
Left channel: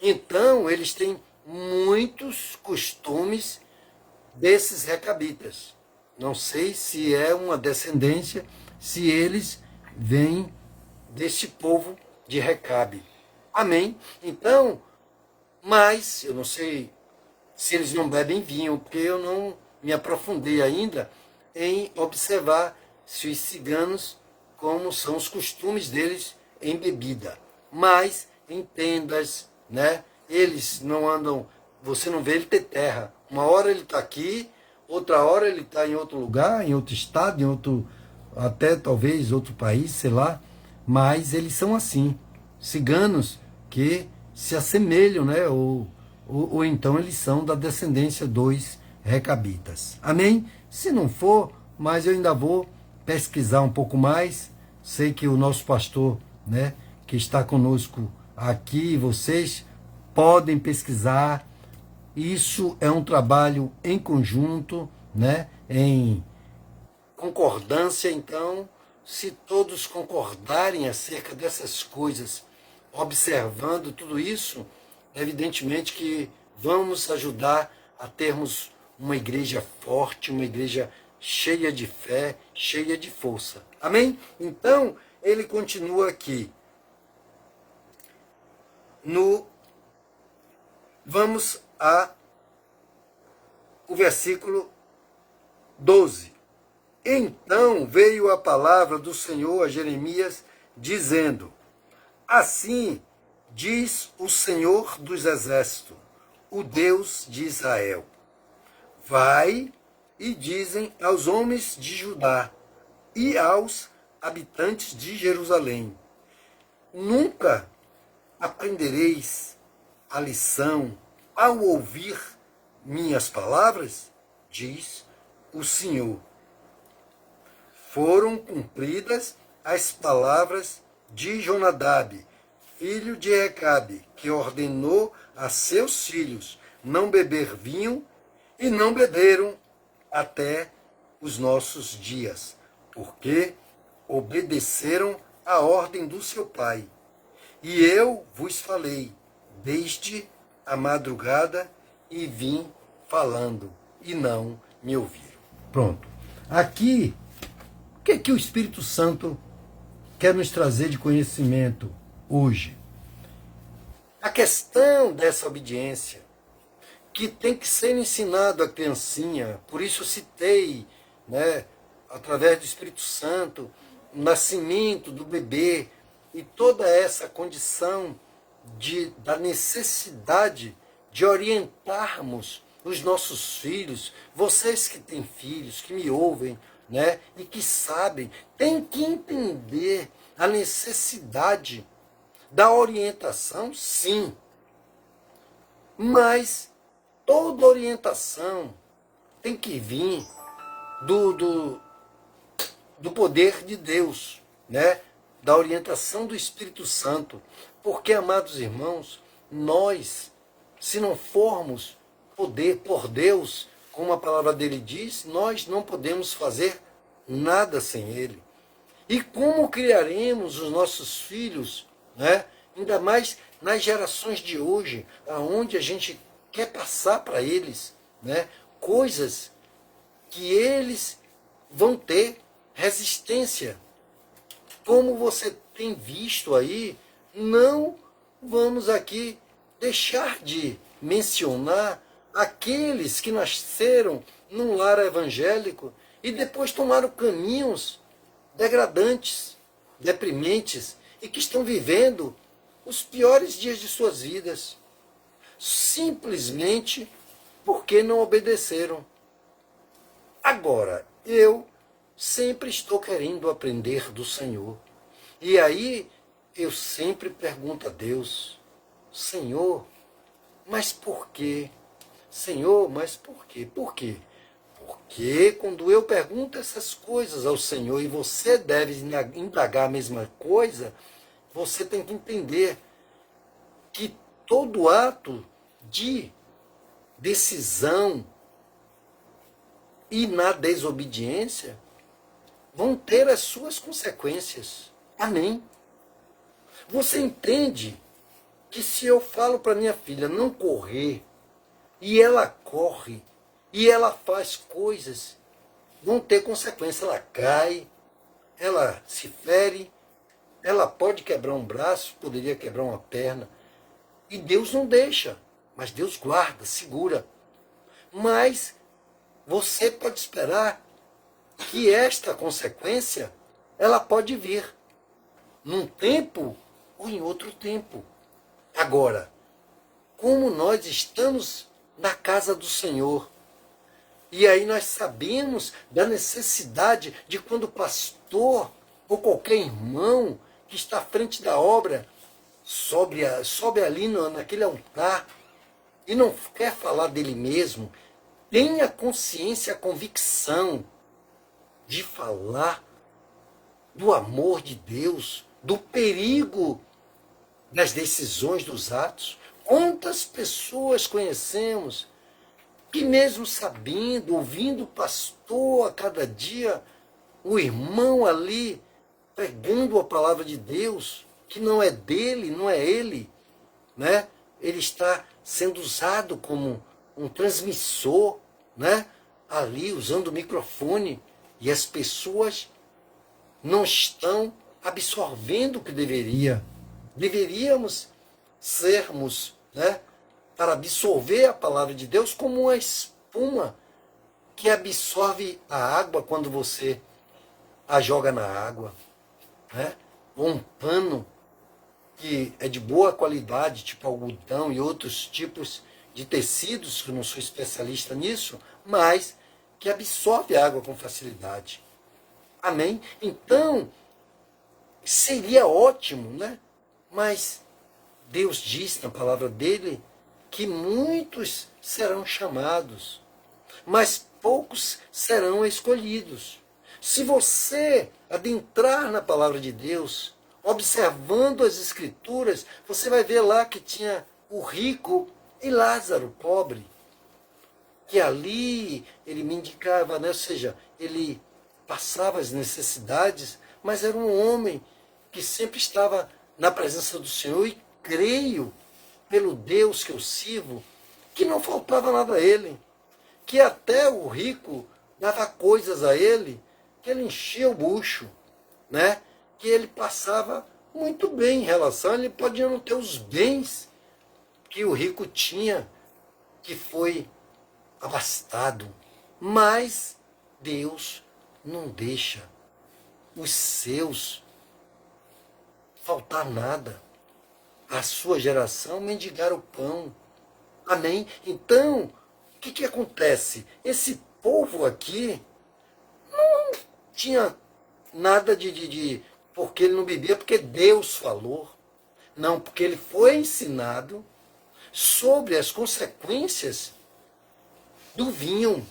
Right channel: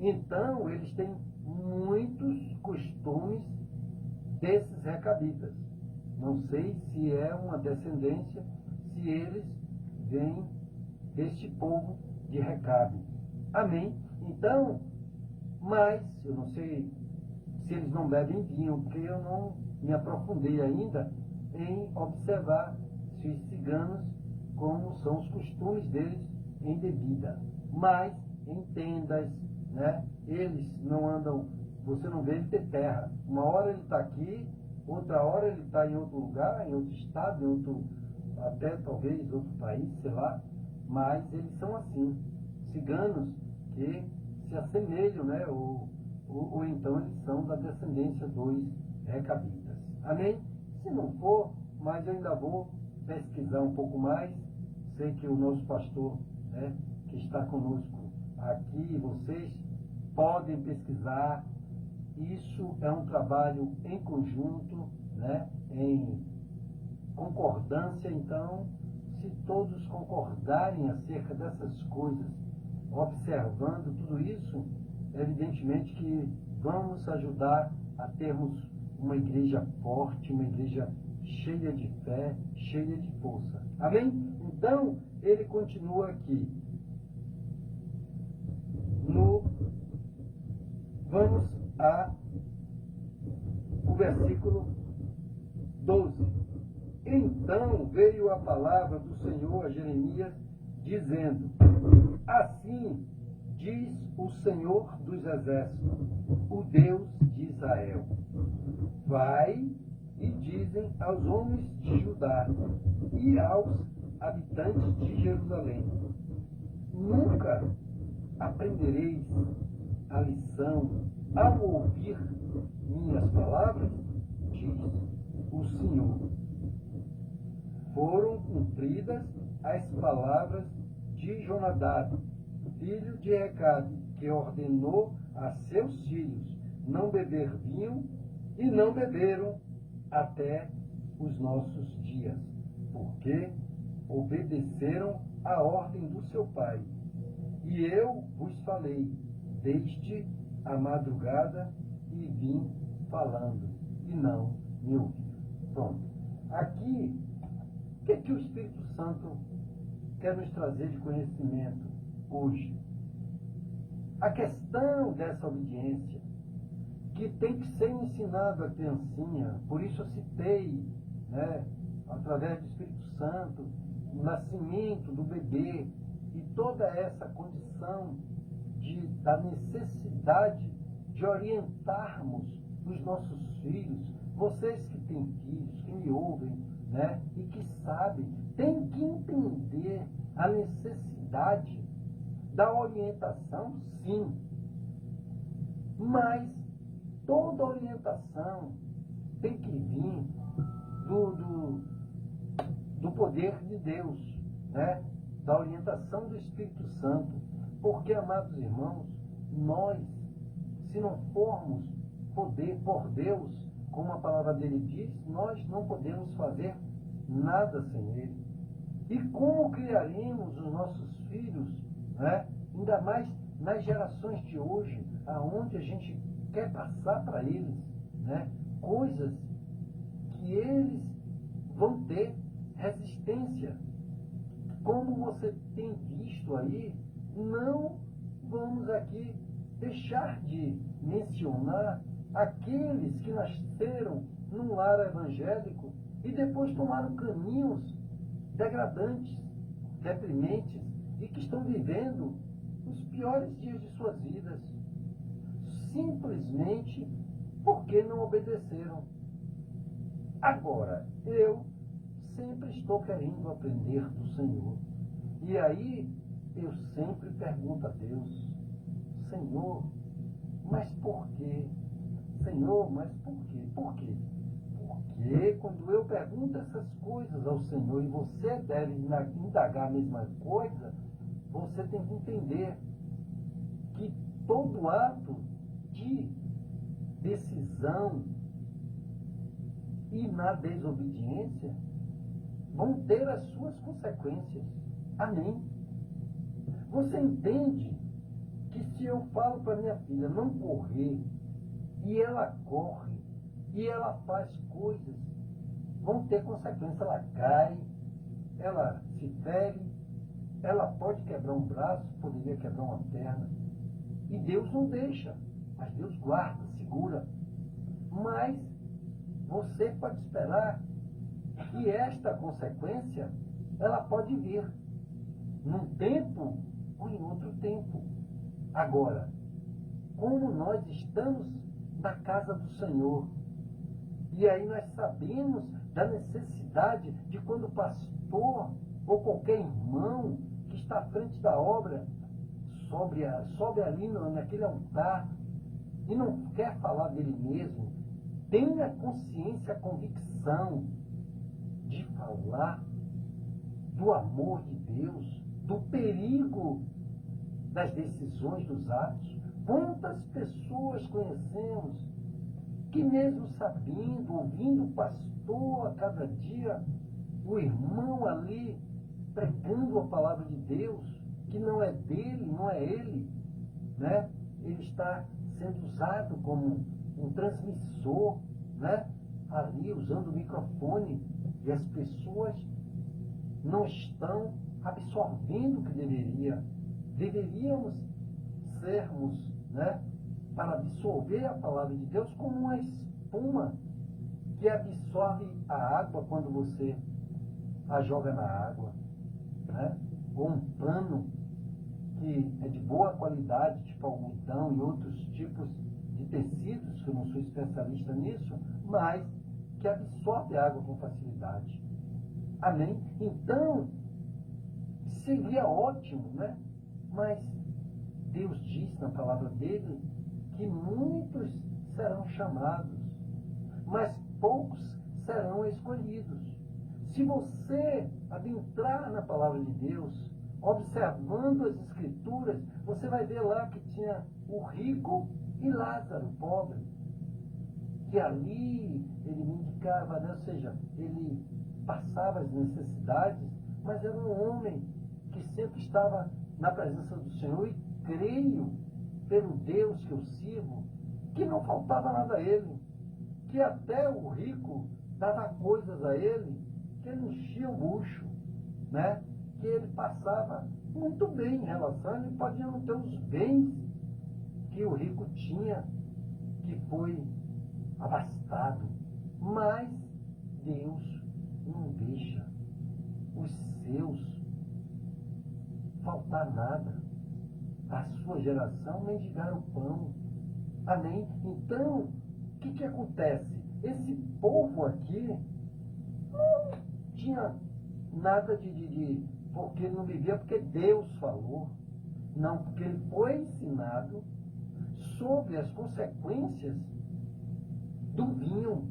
Então, eles têm muitos costumes desses recabitas. Não sei se é uma descendência, se eles vêm deste povo de Recabe. Amém? Então, mas eu não sei se eles não bebem vinho, porque eu não me aprofundei ainda em observar se os ciganos, como são os costumes deles em bebida. Mas em tendas, né? eles não andam, você não vê ele ter terra. Uma hora ele está aqui, outra hora ele está em outro lugar, em outro estado, em outro, até talvez outro país, sei lá, mas eles são assim, ciganos que se assemelham, né? Ou então eles são da descendência dos recabitas. Amém? Se não for, mas eu ainda vou pesquisar um pouco mais. Sei que o nosso pastor, né, que está conosco aqui, vocês podem pesquisar. Isso é um trabalho em conjunto, né, em concordância. Então, se todos concordarem acerca dessas coisas, observando tudo isso, evidentemente que vamos ajudar a termos uma igreja forte, uma igreja cheia de fé, cheia de força. Amém? Então, ele continua aqui. Vamos o versículo 12. Então veio a palavra do Senhor a Jeremias, dizendo: assim diz o Senhor dos Exércitos, o Deus de Israel: vai e dizem aos homens de Judá e aos habitantes de Jerusalém: nunca aprendereis a lição ao ouvir minhas palavras? Diz o Senhor. Foram cumpridas as palavras de Jonadab, filho de Recabe, que ordenou a seus filhos não beber vinho, e não beberam até os nossos dias, porque obedeceram à ordem do seu pai. E eu vos falei desde a madrugada e vim falando, e não me ouviram. Pronto. Aqui, o que o Espírito Santo quer nos trazer de conhecimento hoje? A questão dessa obediência, que tem que ser ensinado à criancinha. Por isso eu citei, né, através do Espírito Santo, o nascimento do bebê e toda essa condição da necessidade de orientarmos os nossos filhos. Vocês que têm filhos, que me ouvem, né, e que sabem, têm que entender a necessidade da orientação, sim. Mas toda orientação tem que vir do poder de Deus, né? Da orientação do Espírito Santo. Porque, amados irmãos, nós, se não formos por Deus, como a palavra dele diz, nós não podemos fazer nada sem ele. E como criaremos os nossos filhos, né? Ainda mais nas gerações de hoje, aonde a gente quer passar para eles, né, coisas que eles vão ter resistência. Como você tem visto aí, não vamos aqui deixar de mencionar aqueles que nasceram num lar evangélico e depois tomaram caminhos degradantes, deprimentes, e que estão vivendo os piores dias de suas vidas, simplesmente porque não obedeceram. Agora, eu sempre estou querendo aprender do Senhor. E aí, eu sempre pergunto a Deus: Senhor, mas por quê? Senhor, mas por quê? Por quê? Porque quando eu pergunto essas coisas ao Senhor, e você deve indagar a mesma coisa, você tem que entender que todo ato de decisão e na desobediência vão ter as suas consequências. Amém? Você entende que se eu falo para minha filha não correr, e ela corre, e ela faz coisas, vão ter consequência. Ela cai, ela se fere, ela pode quebrar um braço, poderia quebrar uma perna, e Deus não deixa, mas Deus guarda, segura. Mas você pode esperar que esta consequência, ela pode vir num tempo ou em outro tempo. Agora, como nós estamos na casa do Senhor. E aí nós sabemos da necessidade de quando o pastor ou qualquer irmão que está à frente da obra sobe ali naquele altar e não quer falar dele mesmo, tenha consciência, a convicção de falar do amor de Deus, do perigo das decisões, dos atos. Quantas pessoas conhecemos que mesmo sabendo, ouvindo o pastor a cada dia, o irmão ali pregando a palavra de Deus, que não é dele, não é ele, né? Ele está sendo usado como um transmissor, né? Ali usando o microfone, e as pessoas não estão absorvendo o que deveríamos sermos, né? Para absorver a palavra de Deus como uma espuma que absorve a água quando você a joga na água, né? Ou um pano que é de boa qualidade, tipo algodão e outros tipos de tecidos, que eu não sou especialista nisso, mas que absorve a água com facilidade. Amém? Então, seria ótimo, né? Mas Deus diz na palavra dele que muitos serão chamados, mas poucos serão escolhidos. Se você adentrar na palavra de Deus, observando as Escrituras, você vai ver lá que tinha o rico e Lázaro, pobre, que ali ele mendicava, né? Ou seja, ele passava as necessidades, mas era um homem que sempre estava na presença do Senhor, e creio, pelo Deus que eu sirvo, que não faltava nada a ele, que até o rico dava coisas a ele, que ele enchia o bucho, né? Que ele passava muito bem em relação, ele podia não ter os bens que o rico tinha, que foi abastado, mas Deus não deixa os seus faltar nada. A sua geração mendigar o pão. Amém? Então, o que acontece? Esse povo aqui não tinha nada porque ele não bebia, porque Deus falou. Não, porque ele foi ensinado sobre as consequências do vinho.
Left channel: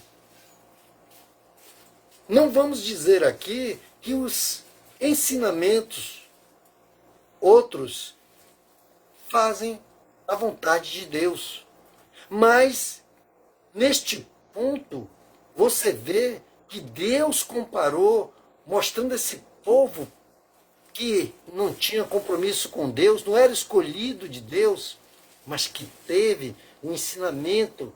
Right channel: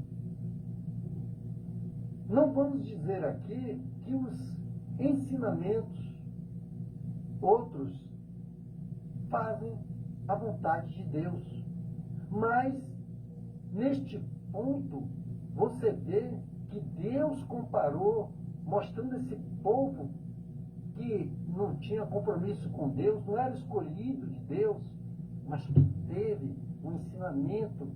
Não vamos dizer aqui que os ensinamentos outros fazem a vontade de Deus. Mas, neste ponto, você vê que Deus comparou, mostrando esse povo que não tinha compromisso com Deus, não era escolhido de Deus, mas que teve o ensinamento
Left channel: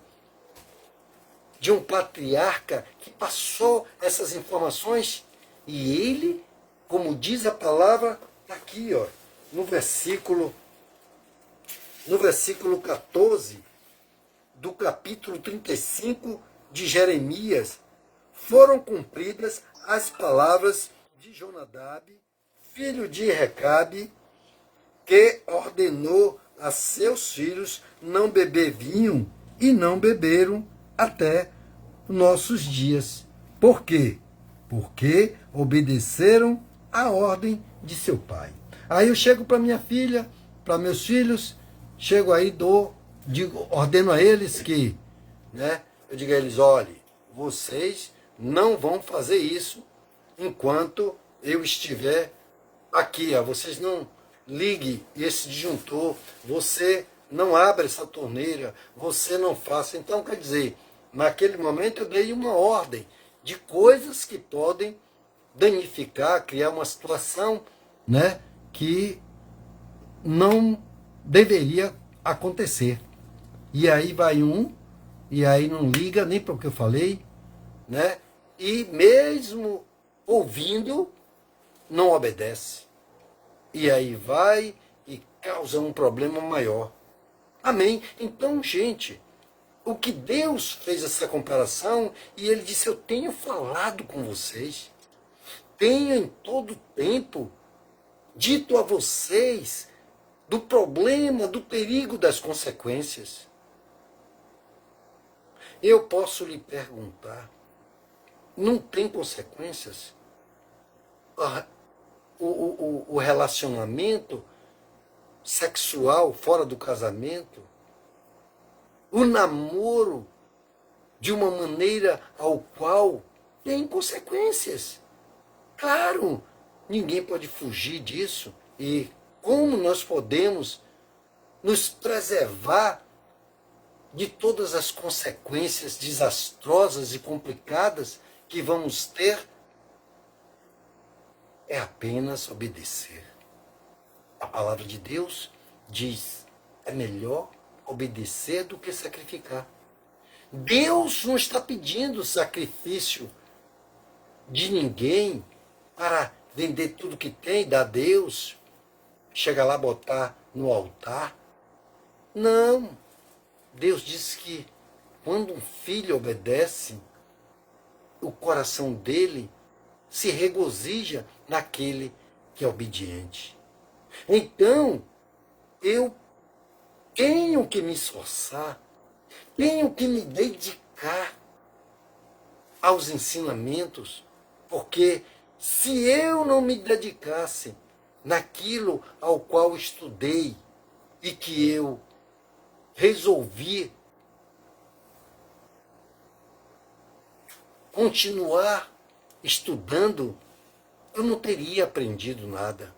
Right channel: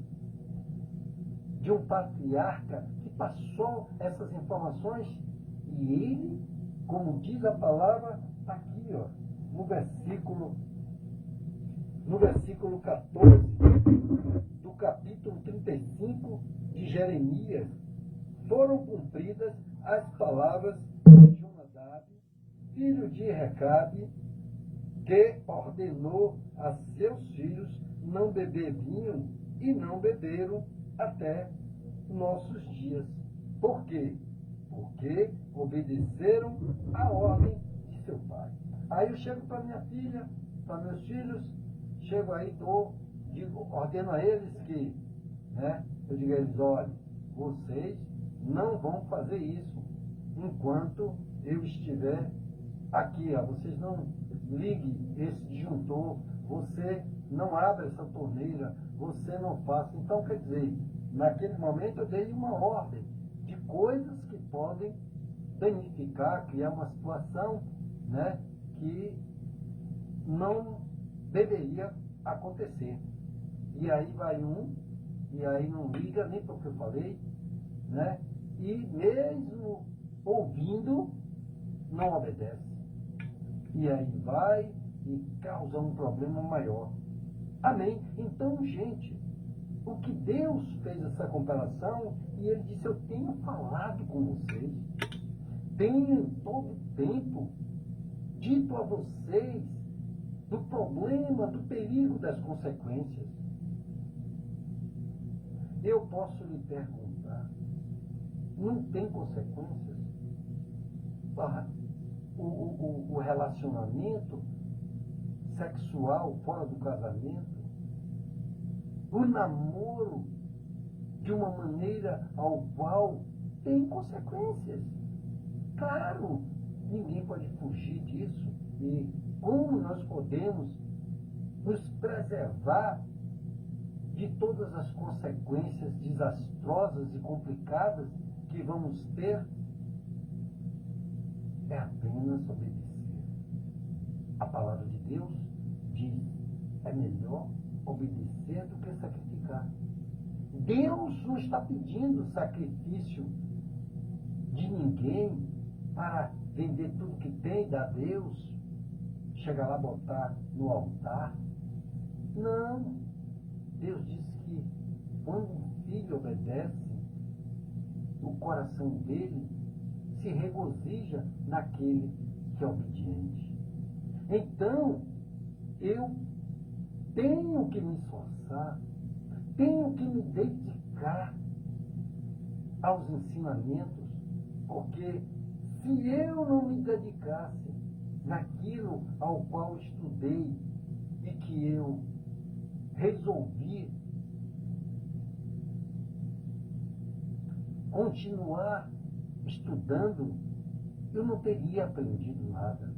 de um patriarca que passou essas informações, e ele, como diz a palavra, aqui, ó, no versículo 14 do capítulo 35 de Jeremias, foram cumpridas as palavras de Jonadab, filho de Recabe, que ordenou a seus filhos não beber vinho, e não beberam até nossos dias. Por quê? Porque obedeceram à ordem de seu pai. Aí eu chego para minha filha, para meus filhos, chego aí, ordeno a eles que, né, eu digo a eles, olhe, vocês não vão fazer isso enquanto eu estiver aqui, ó. Vocês não liguem esse disjuntor, você não abra essa torneira, você não faça. Então, quer dizer, naquele momento eu dei uma ordem de coisas que podem danificar, criar uma situação, né, que não deveria acontecer. E aí vai e aí não liga nem para o que eu falei, né? E mesmo ouvindo, não obedece. E aí vai e causa um problema maior. Amém? Então, gente, o que Deus fez essa comparação, e ele disse, eu tenho falado com vocês, tenho em todo tempo dito a vocês do problema, do perigo das consequências. Eu posso lhe perguntar, não tem consequências? O relacionamento sexual fora do casamento, o namoro de uma maneira ao qual tem consequências. Claro, ninguém pode fugir disso. E como nós podemos nos preservar de todas as consequências desastrosas e complicadas que vamos ter? É apenas obedecer. A palavra de Deus diz, é melhor obedecer do que sacrificar. Deus não está pedindo sacrifício de ninguém para vender tudo que tem, dar a Deus, chegar lá, botar no altar. Não. Deus diz que quando um filho obedece, o coração dele se regozija naquele que é obediente. Então, eu tenho que me esforçar, tenho que me dedicar aos ensinamentos, porque se eu não me dedicasse naquilo ao qual estudei e que eu resolvi continuar estudando, eu não teria aprendido nada.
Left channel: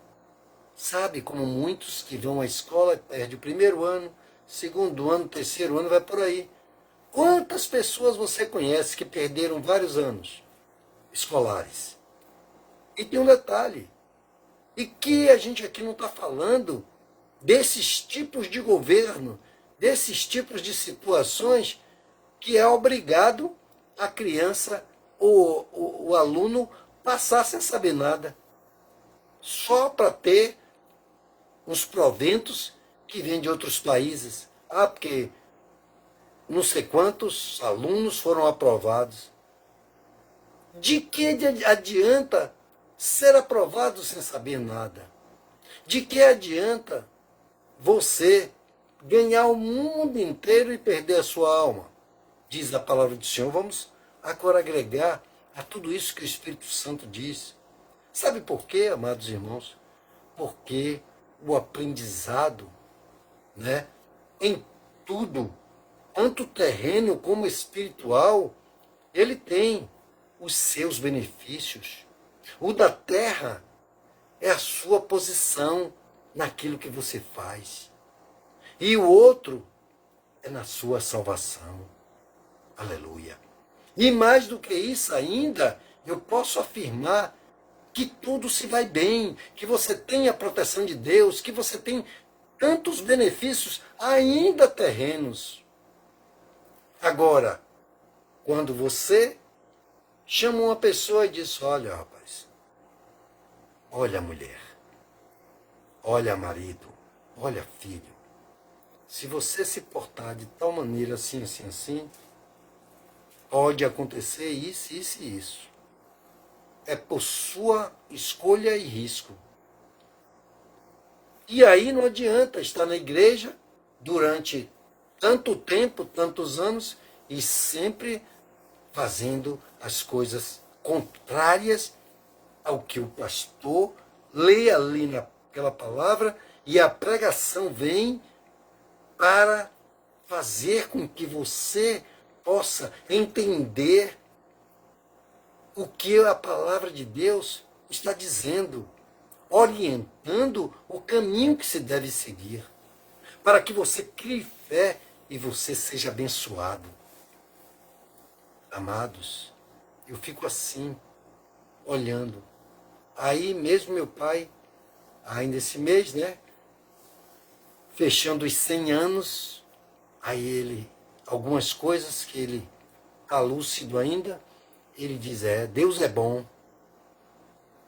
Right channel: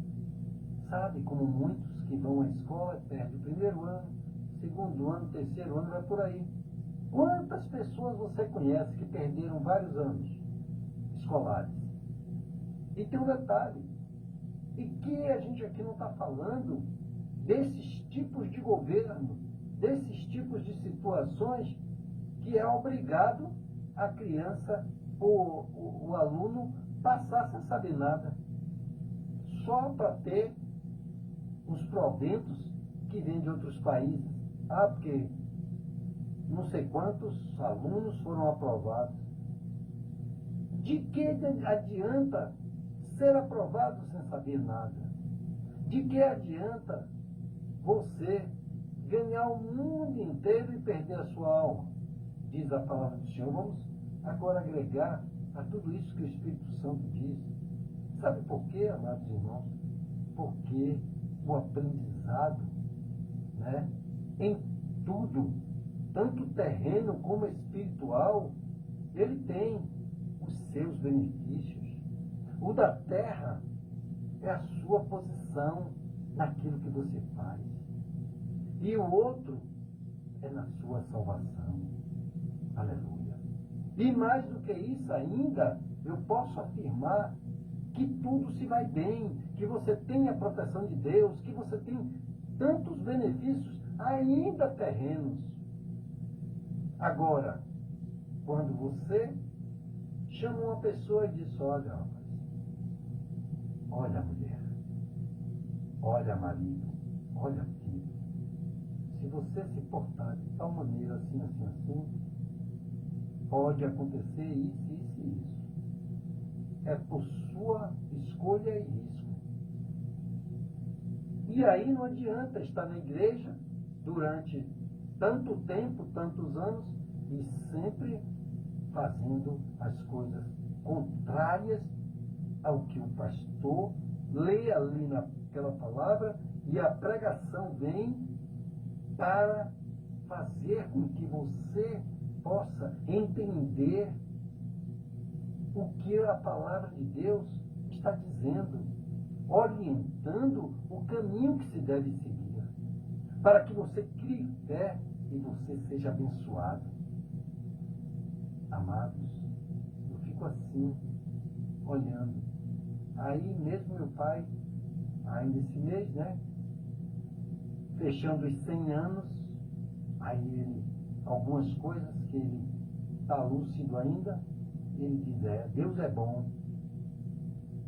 Sabe, como muitos que vão à escola, perde o primeiro ano, segundo ano, terceiro ano, vai por aí. Quantas pessoas você conhece que perderam vários anos escolares? E tem um detalhe, e que a gente aqui não está falando desses tipos de governo, desses tipos de situações que é obrigado a criança, o aluno, passar sem saber nada, só para ter uns proventos que vêm de outros países. Ah, porque não sei quantos alunos foram aprovados. De que adianta ser aprovado sem saber nada? De que adianta você ganhar o mundo inteiro e perder a sua alma? Diz a palavra do Senhor. Vamos agora agregar a tudo isso que o Espírito Santo diz. Sabe por quê, amados irmãos? Porque o aprendizado, né, em tudo, tanto terreno como espiritual, ele tem os seus benefícios. O da terra é a sua posição naquilo que você faz. E o outro é na sua salvação. Aleluia. E mais do que isso ainda, eu posso afirmar que tudo se vai bem, que você tem a proteção de Deus, que você tem tantos benefícios, ainda terrenos. Agora, quando você chama uma pessoa e diz, olha, rapaz, olha, mulher, olha, marido, olha, filho, se você se portar de tal maneira assim, assim, assim, pode acontecer isso, isso e isso. É por sua escolha e risco. E aí não adianta estar na igreja durante tanto tempo, tantos anos, e sempre fazendo as coisas contrárias ao que o pastor lê ali naquela palavra, e a pregação vem para fazer com que você possa entender o que a palavra de Deus está dizendo, orientando o caminho que se deve seguir, para que você crie fé e você seja abençoado. Amados, eu fico assim, olhando. Aí mesmo meu pai, ainda esse mês, né, fechando os 100 anos, aí ele, algumas coisas que ele está lúcido ainda, ele diz, Deus é bom,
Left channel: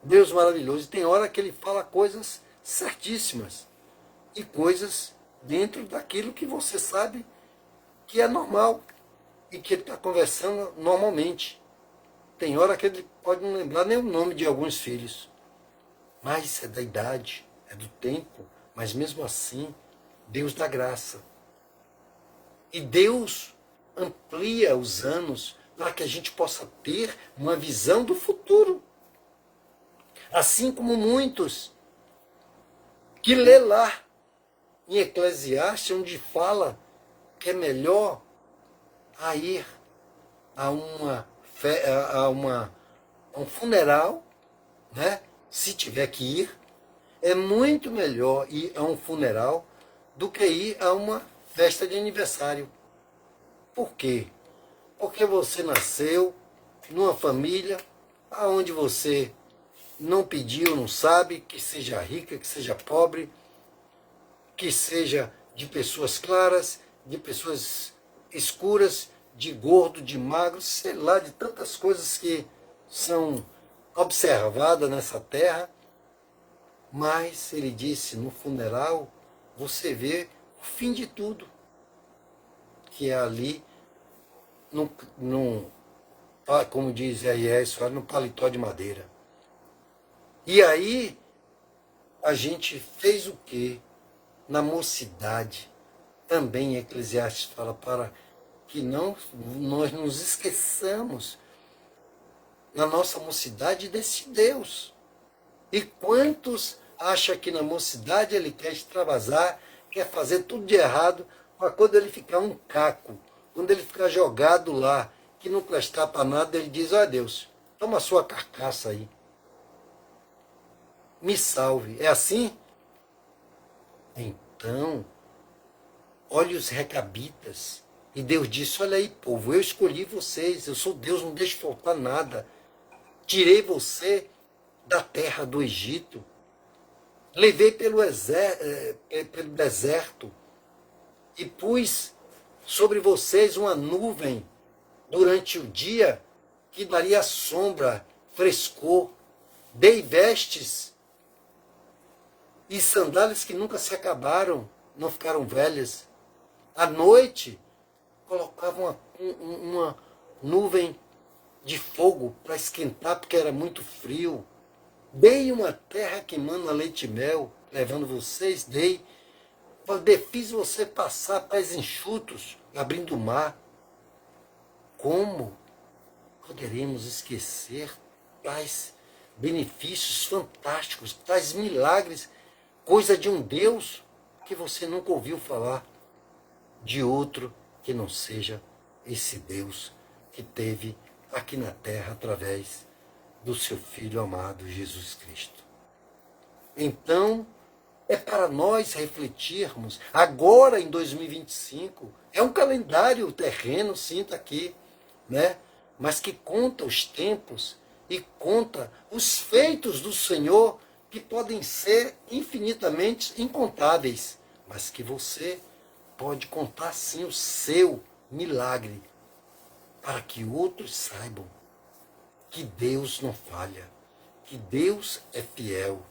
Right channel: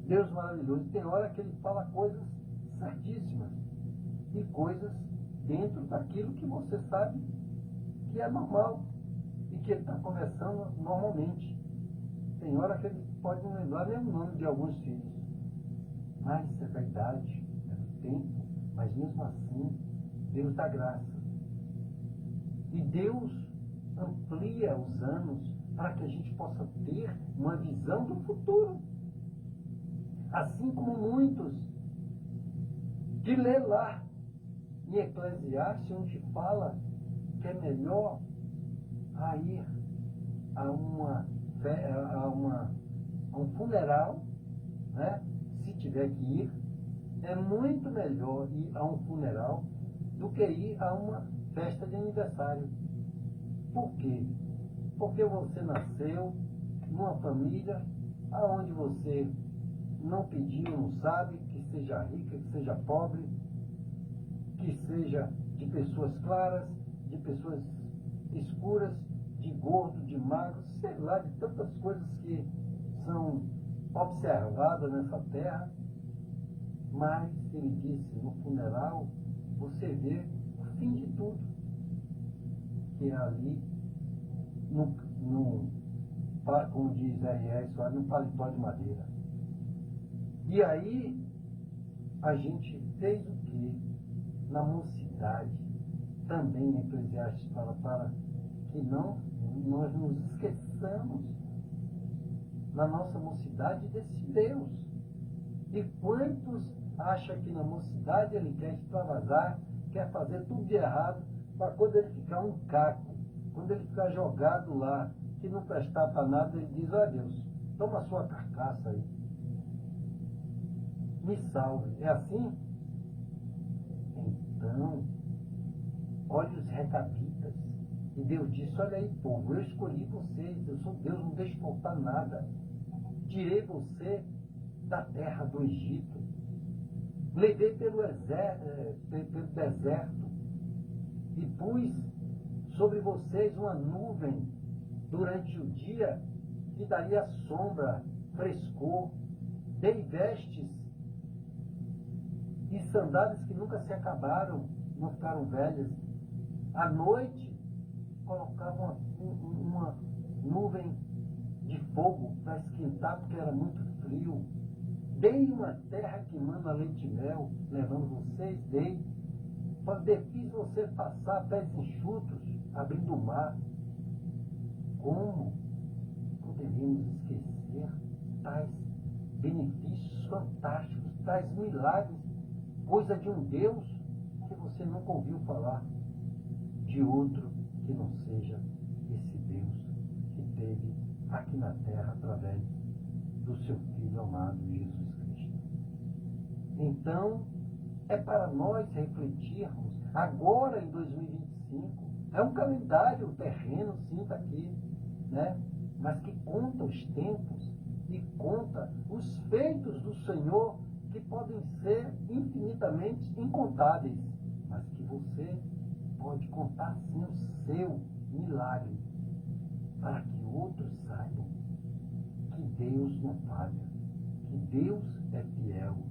Deus maravilhoso. E tem hora que ele fala coisas certíssimas, e coisas dentro daquilo que você sabe que é normal, e que ele está conversando normalmente. Tem hora que ele pode não lembrar nem o nome de alguns filhos, mas é da idade, é do tempo, Mas mesmo assim, Deus dá graça. E Deus amplia os anos para que a gente possa ter uma visão do futuro. Assim como muitos que lê lá em Eclesiastes, onde fala que é melhor a ir a um funeral, né? Se tiver que ir, é muito melhor ir a um funeral do que ir a uma festa de aniversário. Por quê? Porque você nasceu numa família onde você não pediu, não sabe, que seja rica, que seja pobre, que seja de pessoas claras, de pessoas escuras, de gordo, de magro, sei lá, de tantas coisas que são observadas nessa terra. Mas ele disse, no funeral, você vê o fim de tudo, que é ali, como diz R.S., no paletó de madeira. E aí, a gente fez o quê? Na mocidade, também Eclesiastes fala, para que nós nos esqueçamos, na nossa mocidade, desse Deus. E quantos acham que na mocidade ele quer extravasar, quer fazer tudo de errado, para quando ele ficar um caco, quando ele ficar jogado lá, que não prestar para nada, ele diz, ó Deus, toma a sua carcaça aí, me salve. É assim? Então, olha os recabitas. E Deus disse, olha aí, povo, eu escolhi vocês, eu sou Deus, não deixe faltar nada. Tirei você da terra do Egito, levei pelo deserto e pus sobre vocês uma nuvem durante o dia que daria sombra, frescor, dei vestes e sandálias que nunca se acabaram, não ficaram velhas. À noite, colocava uma nuvem de fogo para esquentar, porque era muito frio. Dei uma terra que mana leite e mel, levando vocês, fiz você passar pés enxutos, abrindo o mar. Como poderemos esquecer tais benefícios fantásticos, tais milagres, coisa de um Deus que você nunca ouviu falar, de outro que não seja esse Deus que teve aqui na terra através do seu Filho amado Jesus Cristo. Então, é para nós refletirmos, agora em 2025, é um calendário terreno, sim, está aqui, né? Mas que conta os tempos e conta os feitos do Senhor, que podem ser infinitamente incontáveis, mas que você pode contar sim o seu milagre, para que outros saibam que Deus não falha, que Deus é fiel,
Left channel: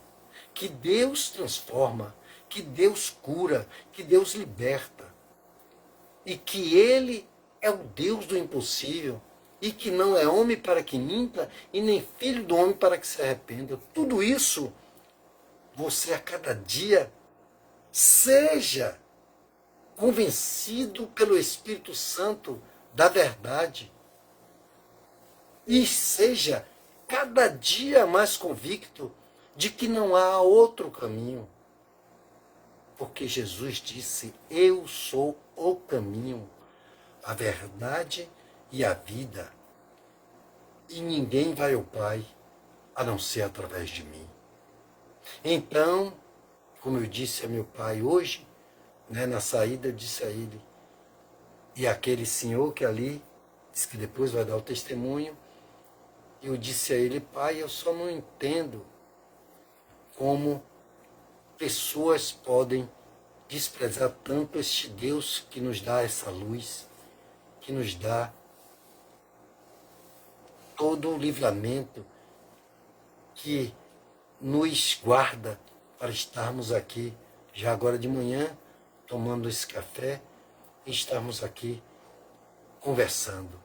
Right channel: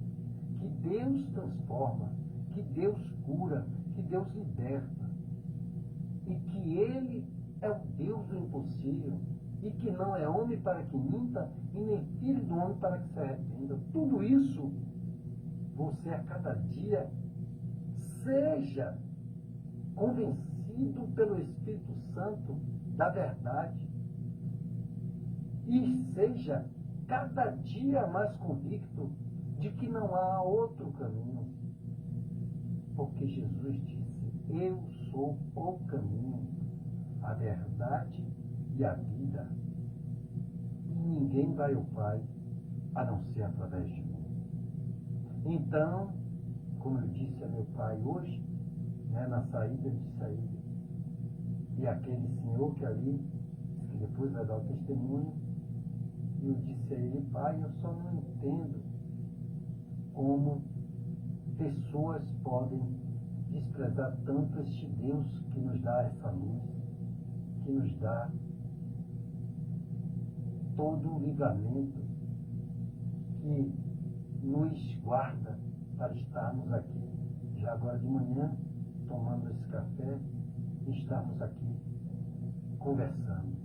que Deus transforma, que Deus cura, que Deus liberta, e que Ele é o Deus do impossível, e que não é homem para que minta, e nem filho do homem para que se arrependa. Tudo isso, você a cada dia seja convencido pelo Espírito Santo da verdade, e seja cada dia mais convicto de que não há outro caminho. Porque Jesus disse, eu sou o caminho, a verdade e a vida. E ninguém vai ao Pai a não ser através de mim. Então, como eu disse a meu pai hoje, né, na saída, eu disse a ele, e aquele senhor que ali, disse que depois vai dar o testemunho, e eu disse a ele, pai, eu só não entendo como pessoas podem desprezar tanto este Deus que nos dá essa luz, que nos dá todo o livramento, que nos guarda para estarmos aqui, já agora de manhã, tomando esse café, e estarmos aqui conversando.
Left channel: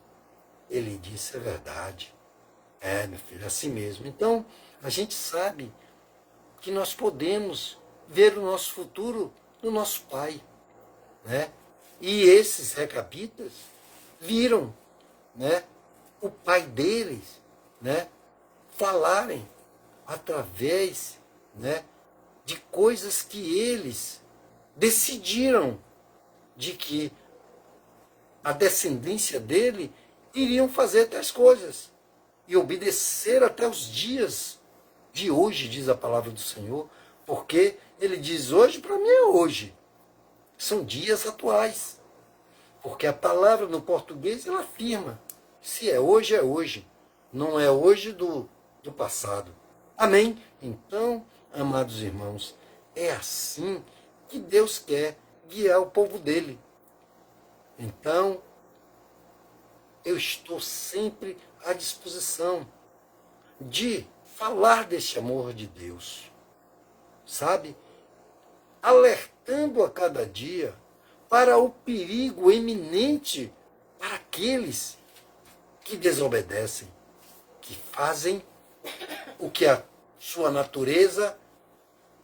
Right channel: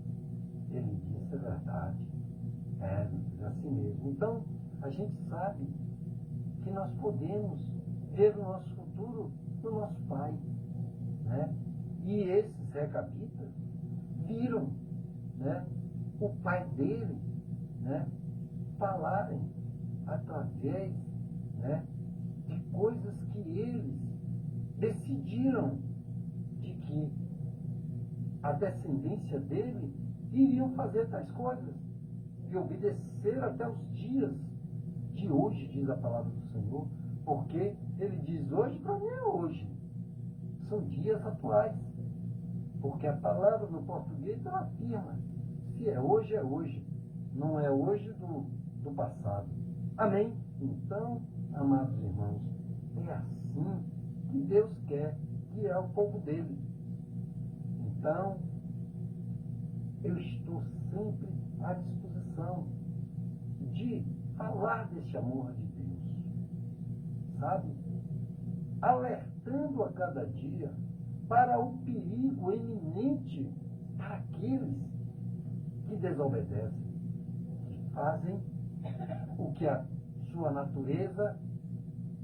Ele disse, é verdade. É, meu filho, é assim mesmo. Então, a gente sabe que nós podemos ver o nosso futuro no nosso Pai, né? E esses recapitas viram, né, o pai deles, né, falarem através, né, de coisas que eles decidiram de que a descendência dele iriam fazer tais coisas e obedecer até os dias de hoje, diz a palavra do Senhor, porque ele diz hoje, para mim é hoje. São dias atuais. Porque a palavra no português, ela afirma, se é hoje, não é hoje do passado. Amém? Então, amados irmãos, é assim que Deus quer guiar o povo dele. Então, eu estou sempre à disposição de falar deste amor de Deus, sabe? Alertando a cada dia para o perigo eminente para aqueles que desobedecem, que fazem o que a sua natureza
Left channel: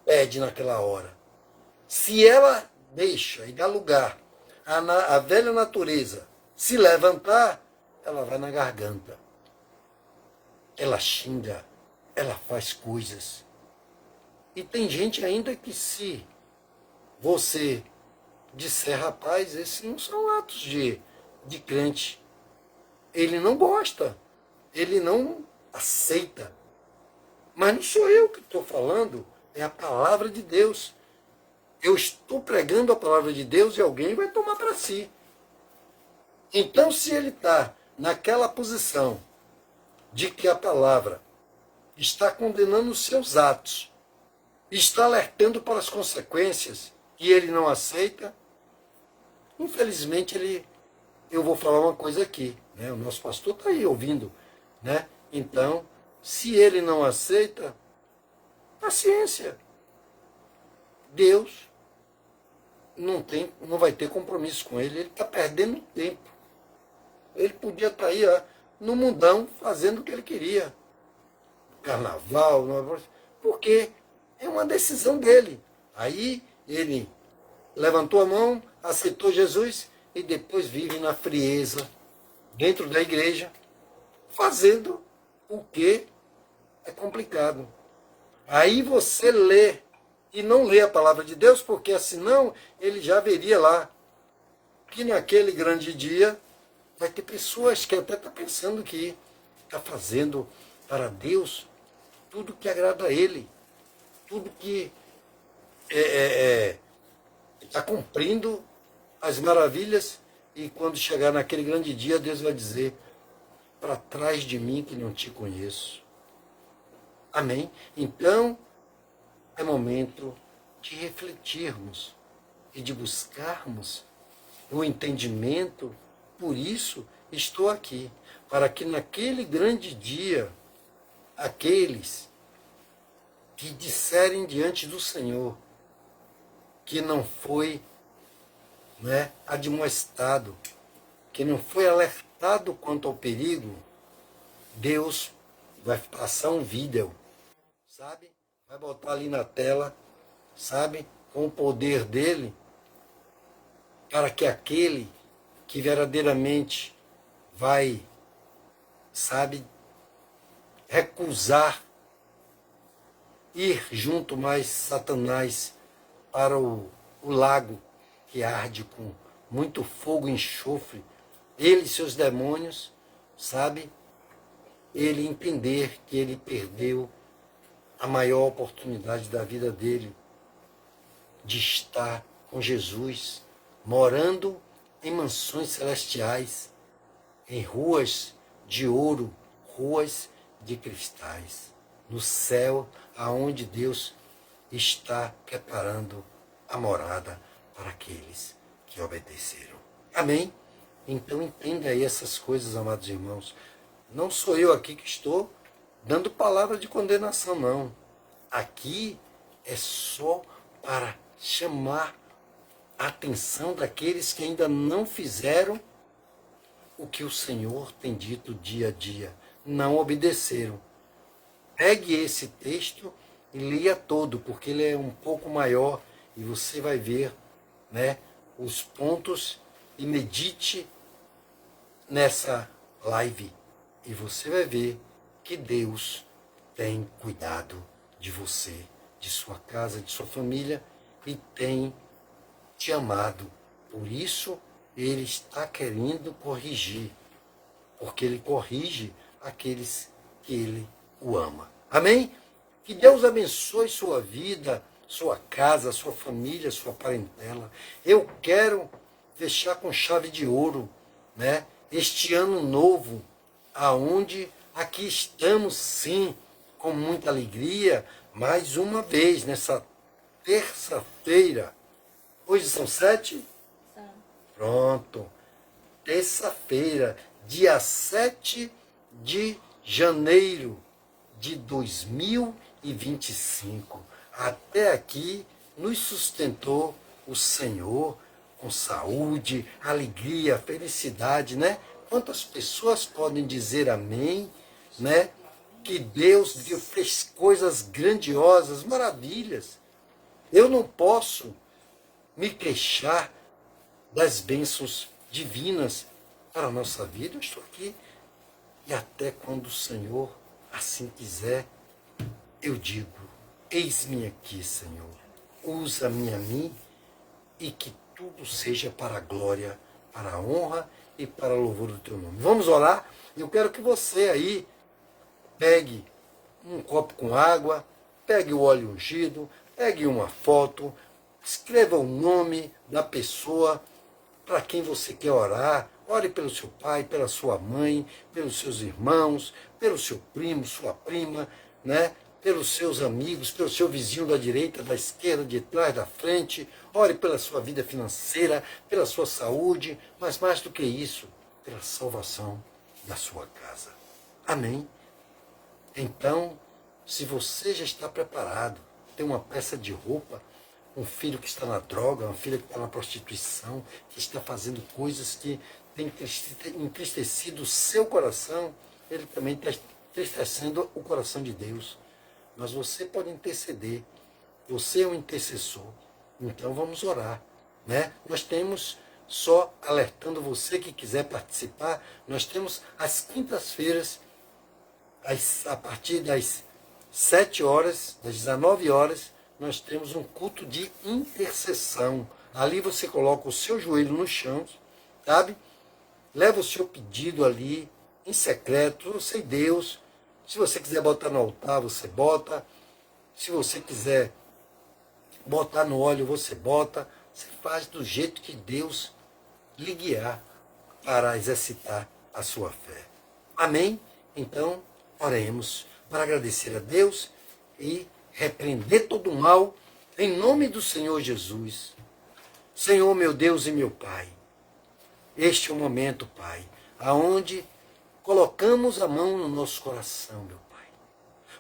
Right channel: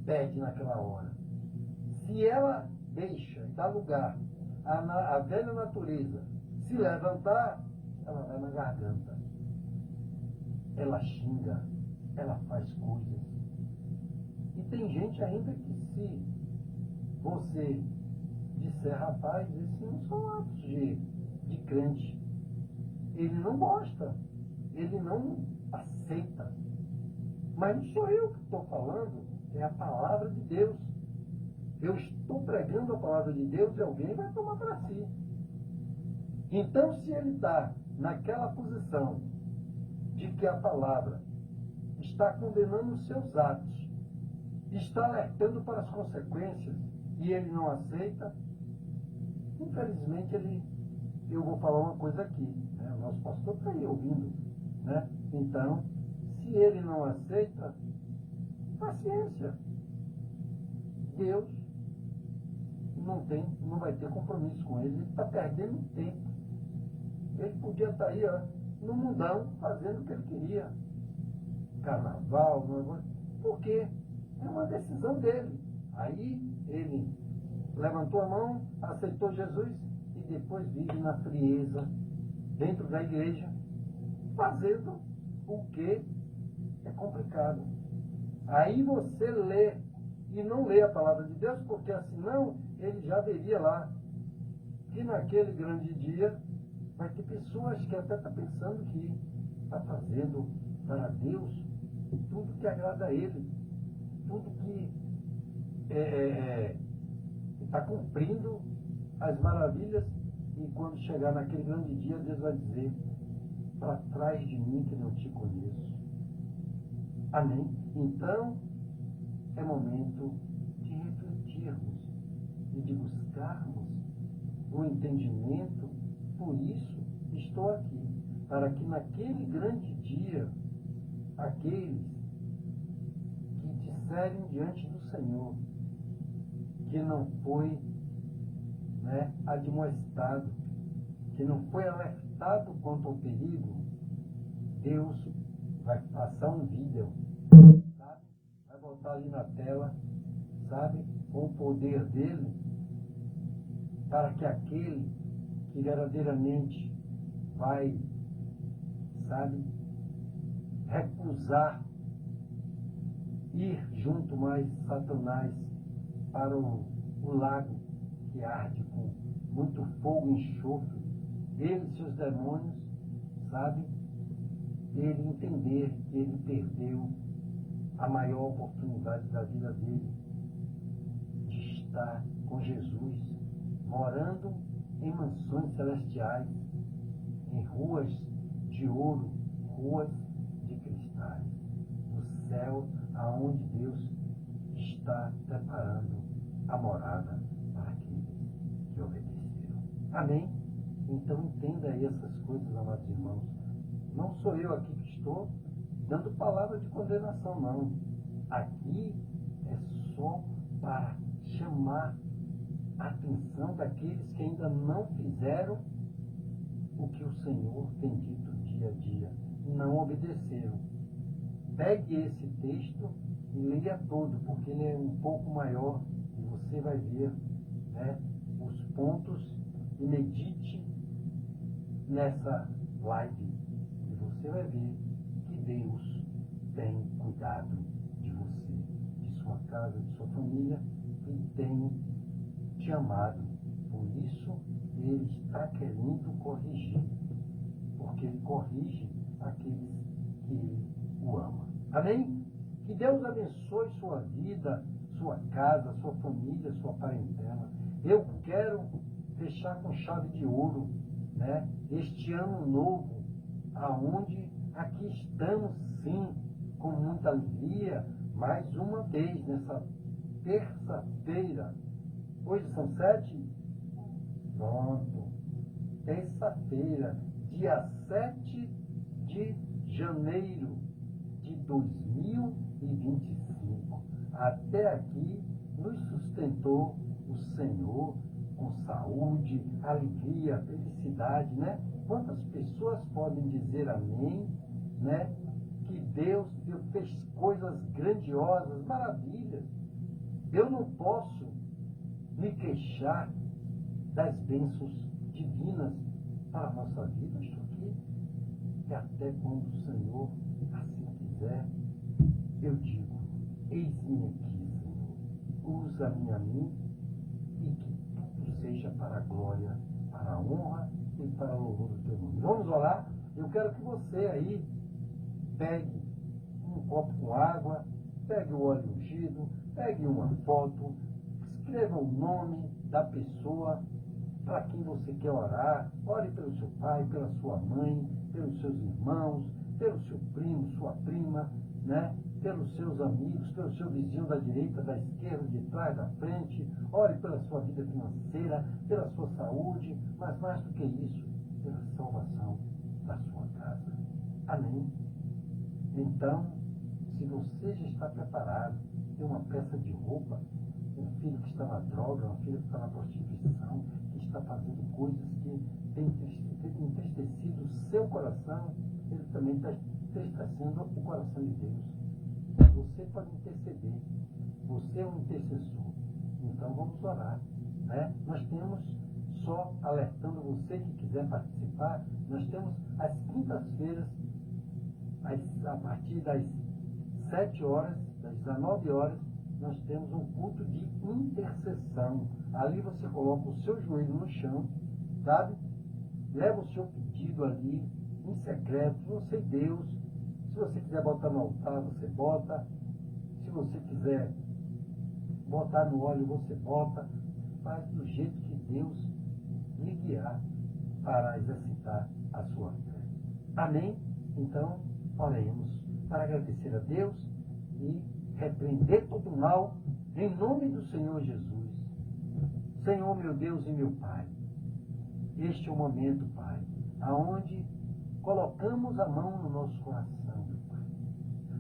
pede naquela hora. Se ela deixa e dá lugar à velha natureza se levantar, ela vai na garganta. Ela xinga, ela faz coisas. E tem gente ainda que, se você disser, rapaz, esses não são atos de crente, ele não gosta, ele não aceita. Mas não sou eu que estou falando, é a palavra de Deus. Eu estou pregando a palavra de Deus e alguém vai tomar para si. Então, se ele está naquela posição de que a palavra está condenando os seus atos, está alertando para as consequências, e ele não aceita, infelizmente eu vou falar uma coisa aqui, né? O nosso pastor está aí ouvindo, né? Então, se ele não aceita, paciência. Deus não vai ter compromisso com ele está perdendo tempo. Ele podia estar aí, ó, no mundão, fazendo o que ele queria. Carnaval, porque é uma decisão dele. Aí ele levantou a mão, aceitou Jesus e depois vive na frieza, dentro da igreja, fazendo o que é complicado. Aí você lê e não lê a palavra de Deus, porque senão ele já veria lá que naquele grande dia vai ter pessoas que até estão pensando que está fazendo para Deus tudo que agrada a ele, tudo que está cumprindo as maravilhas, e quando chegar naquele grande dia, Deus vai dizer, para trás de mim que não te conheço. Amém? Então, é momento de refletirmos e de buscarmos o entendimento. Por isso, estou aqui, para que naquele grande dia, aqueles que disserem diante do Senhor que não foi, né, admoestado, que não foi alertado quanto ao perigo, Deus vai passar um vídeo, sabe? Vai botar ali na tela, sabe? Com o poder dele, para que aquele que verdadeiramente vai, sabe, recusar ir junto mais Satanás para o lago que arde com muito fogo e enxofre, ele e seus demônios, sabe? Ele entender que ele perdeu a maior oportunidade da vida dele, de estar com Jesus, morando em mansões celestiais, em ruas de ouro, ruas de cristais, no céu, aonde Deus está preparando a morada para aqueles que obedeceram. Amém? Então entenda aí essas coisas, amados irmãos. Não sou eu aqui que estou dando palavra de condenação, não. Aqui é só para chamar a atenção daqueles que ainda não fizeram o que o Senhor tem dito dia a dia. Não obedeceram. Pegue esse texto e leia todo, porque ele é um pouco maior e você vai ver, né, os pontos e medite nessa live e você vai ver que Deus tem cuidado de você, de sua casa, de sua família e tem te amado. Por isso, Ele está querendo corrigir, porque Ele corrige aqueles que Ele o ama. Amém? Que Deus abençoe sua vida, sua casa, sua família, sua parentela. Eu quero fechar com chave de ouro, né? Este ano novo, aonde aqui estamos sim, com muita alegria, mais uma vez, nessa terça-feira. Hoje são 7? Pronto. Terça-feira, dia 7 de janeiro de 2025. Até aqui nos sustentou o Senhor com saúde, alegria, felicidade, né? Quantas pessoas podem dizer amém, né? Que Deus fez coisas grandiosas, maravilhas. Eu não posso me queixar das bênçãos divinas para a nossa vida. Eu estou aqui e até quando o Senhor assim quiser, eu digo, eis-me aqui, Senhor. Usa-me a mim e que tudo seja para a glória, para a honra e para o louvor do teu nome. Vamos orar? Eu quero que você aí pegue um copo com água, pegue o óleo ungido, pegue uma foto, escreva o nome da pessoa para quem você quer orar. Ore pelo seu pai, pela sua mãe, pelos seus irmãos, pelo seu primo, sua prima, né? Pelos seus amigos, pelo seu vizinho da direita, da esquerda, de trás, da frente. Ore pela sua vida financeira, pela sua saúde, mas mais do que isso, pela salvação da sua casa. Amém? Então, se você já está preparado, tem uma peça de roupa, um filho que está na droga, uma filha que está na prostituição, que está fazendo coisas que têm entristecido o seu coração, ele também está entristecendo o coração de Deus. Mas você pode interceder, você é um intercessor, então vamos orar, né? Nós temos, só alertando você que quiser participar, nós temos às quintas-feiras, a partir das 7 horas, das 19 horas, nós temos um culto de intercessão. Ali você coloca o seu joelho no chão, sabe? Leva o seu pedido ali, em secreto, você e Deus. Se você quiser botar no altar, você bota. Se você quiser botar no óleo, você bota. Você faz do jeito que Deus lhe guiar para exercitar a sua fé. Amém? Então, oremos para agradecer a Deus e repreender todo o mal, em nome do Senhor Jesus. Senhor, meu Deus e meu Pai, este é o momento, Pai, aonde colocamos a mão no nosso coração, meu Pai,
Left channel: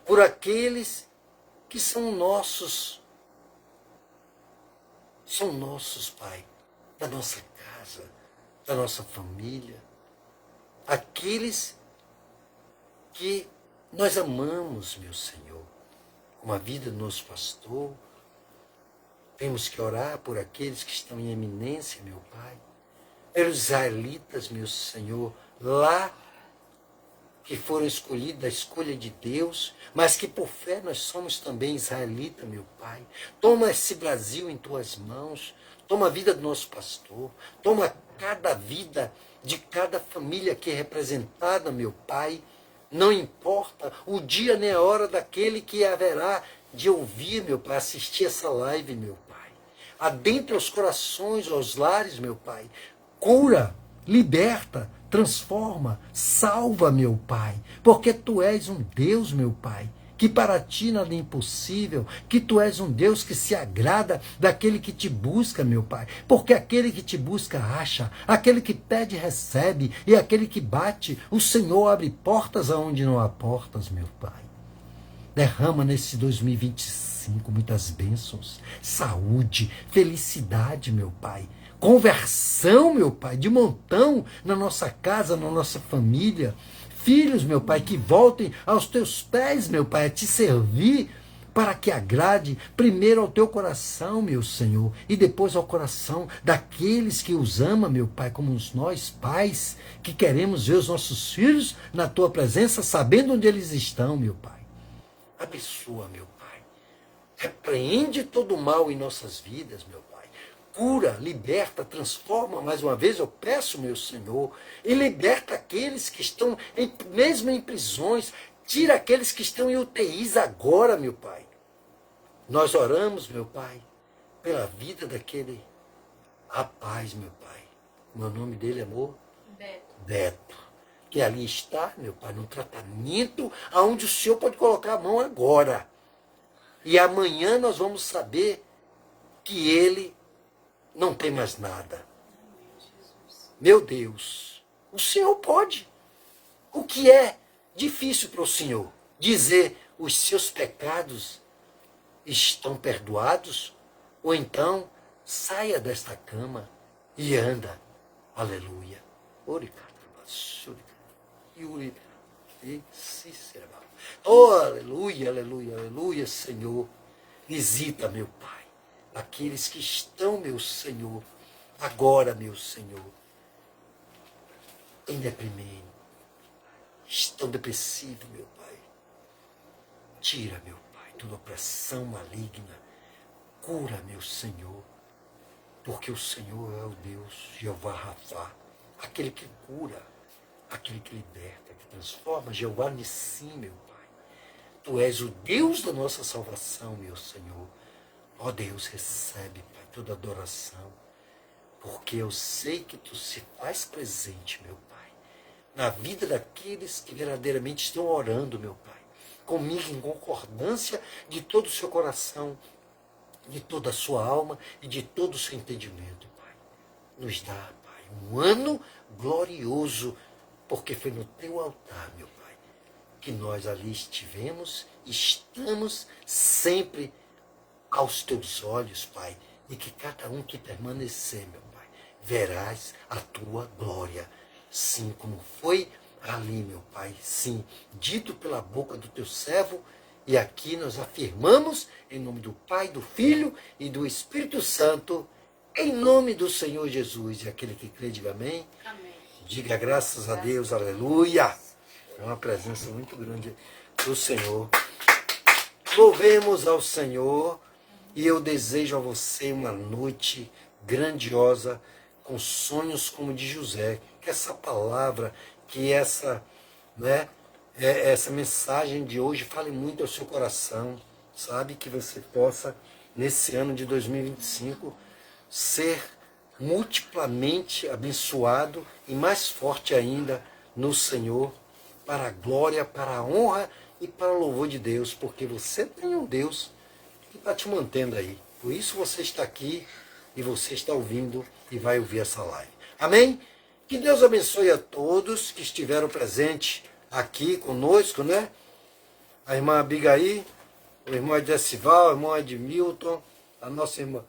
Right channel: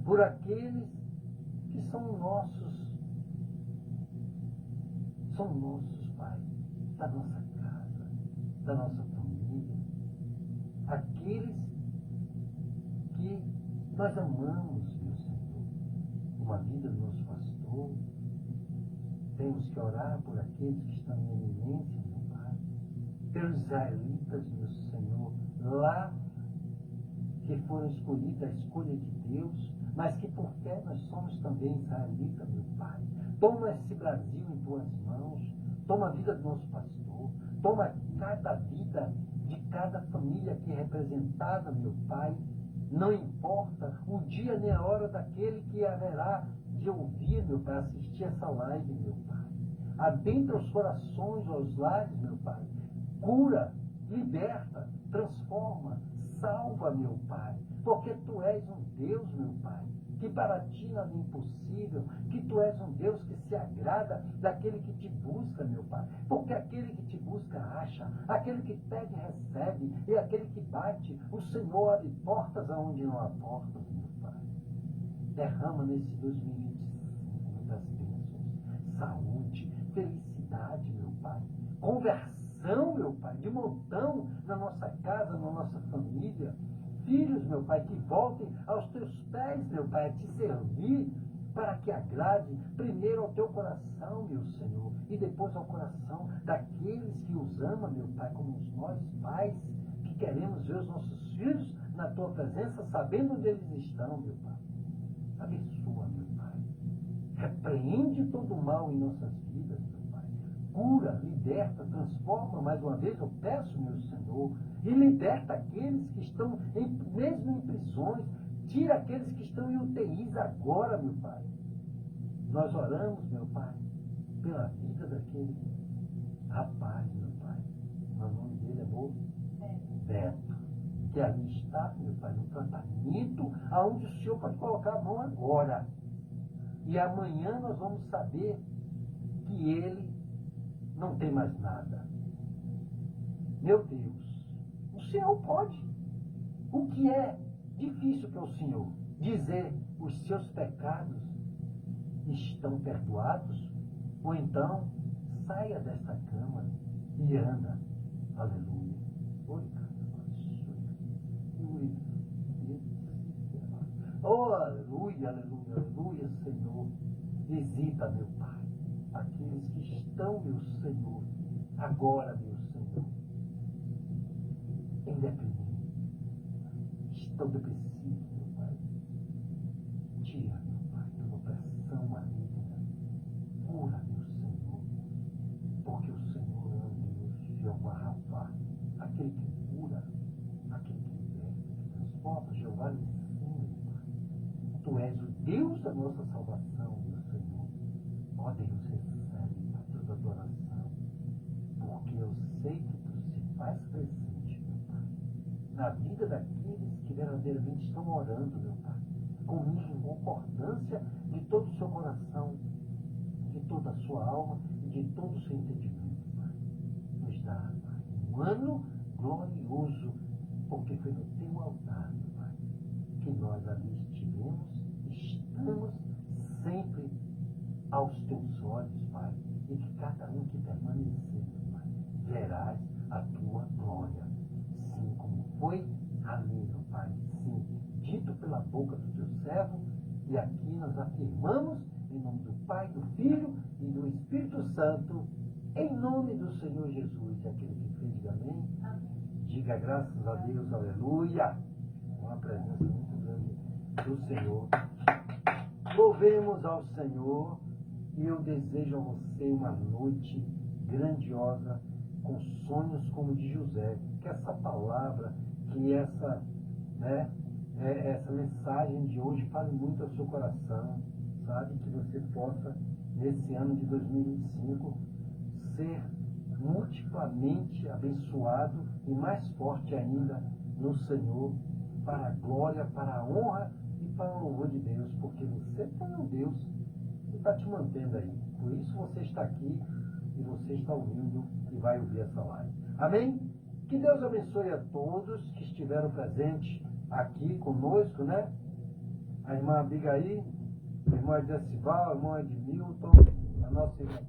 por aqueles que são nossos, Pai, da nossa casa, da nossa família, aqueles que nós amamos, meu Senhor, como a vida do nosso pastor. Temos que orar por aqueles que estão em eminência, meu Pai, pelos israelitas, meu Senhor, lá que foram escolhidos da escolha de Deus, mas que por fé nós somos também israelitas, meu Pai. Toma esse Brasil em tuas mãos, toma a vida do nosso pastor, toma cada vida de cada família que é representada, meu Pai. Não importa o dia nem a hora daquele que haverá de ouvir, meu Pai, assistir essa live, meu Pai. Adentra os corações, aos lares, meu Pai. Cura, liberta, transforma, salva, meu Pai. Porque Tu és um Deus, meu Pai, que para Ti nada é impossível, que Tu és um Deus que se agrada daquele que Te busca, meu Pai, porque aquele que Te busca acha, aquele que pede recebe, e aquele que bate, o Senhor abre portas aonde não há portas, meu Pai. Derrama nesse 2025 muitas bênçãos, saúde, felicidade, meu Pai, conversão, meu Pai, de montão na nossa casa, na nossa família. Filhos, meu Pai, que voltem aos Teus pés, meu Pai, a Te servir para que agrade primeiro ao teu coração, meu Senhor, e depois ao coração daqueles que os ama, meu Pai, como nós pais, que queremos ver os nossos filhos na tua presença, sabendo onde eles estão, meu Pai. Abençoa, meu Pai. Repreende todo o mal em nossas vidas, meu Pai. Cura, liberta, transforma, mais uma vez eu peço, meu Senhor, e liberta aqueles que estão mesmo em prisões. Tira aqueles que estão em UTIs agora, meu Pai. Nós oramos, meu Pai, pela vida daquele rapaz, meu Pai. O nome dele, amor? Beto. Que ali está, meu Pai, no tratamento, aonde o Senhor pode colocar a mão agora. E amanhã nós vamos saber que ele não tem mais nada. Meu Deus, o Senhor pode. O que é difícil para o Senhor? Dizer os seus pecados estão perdoados? Ou então, saia desta cama e anda. Aleluia. Oh, aleluia, aleluia, aleluia, Senhor. Visita, meu Pai, aqueles que estão, meu Senhor, agora, meu Senhor, em deprimento, estão depressivos, meu Pai. Tira, meu Pai, toda opressão maligna. Cura, meu Senhor, porque o Senhor é o Deus, Jeová Rafá, aquele que cura, aquele que liberta, que transforma, Jeová Nissim, meu Pai. Tu és o Deus da nossa salvação, meu Senhor. Ó Deus, recebe, Pai, toda adoração, porque eu sei que Tu se faz presente, meu Pai, na vida daqueles que verdadeiramente estão orando, meu Pai, comigo em concordância de todo o seu coração, de toda a sua alma e de todo o seu entendimento, Pai. Nos dá, Pai, um ano glorioso, porque foi no Teu altar, meu Pai, que nós ali estivemos, estamos sempre aos Teus olhos, Pai, e que cada um que permanecer, meu Pai, verás a Tua glória, sim, como foi ali, meu Pai, sim, dito pela boca do Teu servo, e aqui nós afirmamos, em nome do Pai, do Filho e do Espírito Santo, em nome do Senhor Jesus, e aquele que crê, diga amém. Amém. Diga graças a Deus, aleluia. É uma presença muito grande do Senhor. Louvemos ao Senhor, e eu desejo a você uma noite grandiosa, com sonhos como de José. Que essa palavra, que essa mensagem de hoje fale muito ao seu coração, sabe? Que você possa, nesse ano de 2025, ser multiplamente abençoado e mais forte ainda no Senhor, para a glória, para a honra e para o louvor de Deus, porque você tem um Deus que está te mantendo aí. Por isso você está aqui e você está ouvindo e vai ouvir essa live. Amém? Que Deus abençoe a todos que estiveram presentes aqui conosco, né? A irmã Abigail, o irmão Edesival, o irmão Edmilton, a nossa irmã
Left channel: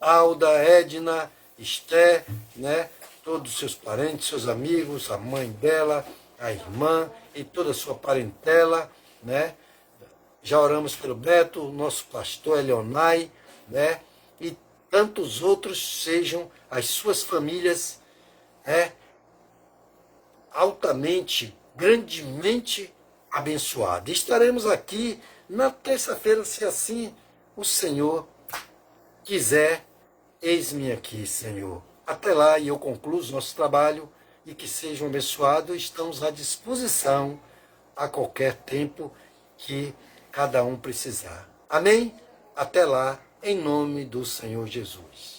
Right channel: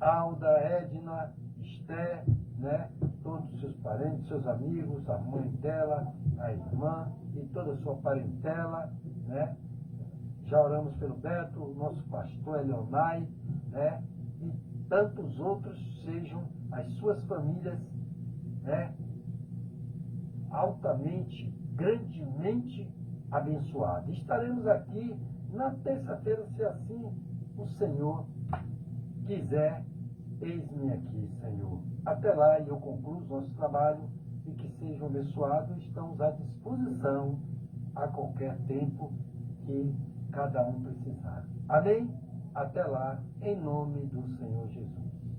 Alda, Edna, Esté, né? Todos os seus parentes, seus amigos, a mãe dela, a irmã e toda a sua parentela, né? Já oramos pelo Beto, nosso pastor Elionai, né? E tantos outros, sejam as suas famílias, né? Altamente, grandemente abençoadas. Estaremos aqui na terça-feira, se assim o Senhor quiser. Eis-me aqui, Senhor. Até lá, e eu concluo o nosso trabalho, e que sejam abençoados. Estamos à disposição a qualquer tempo que cada um precisar. Amém? Até lá, em nome do Senhor Jesus.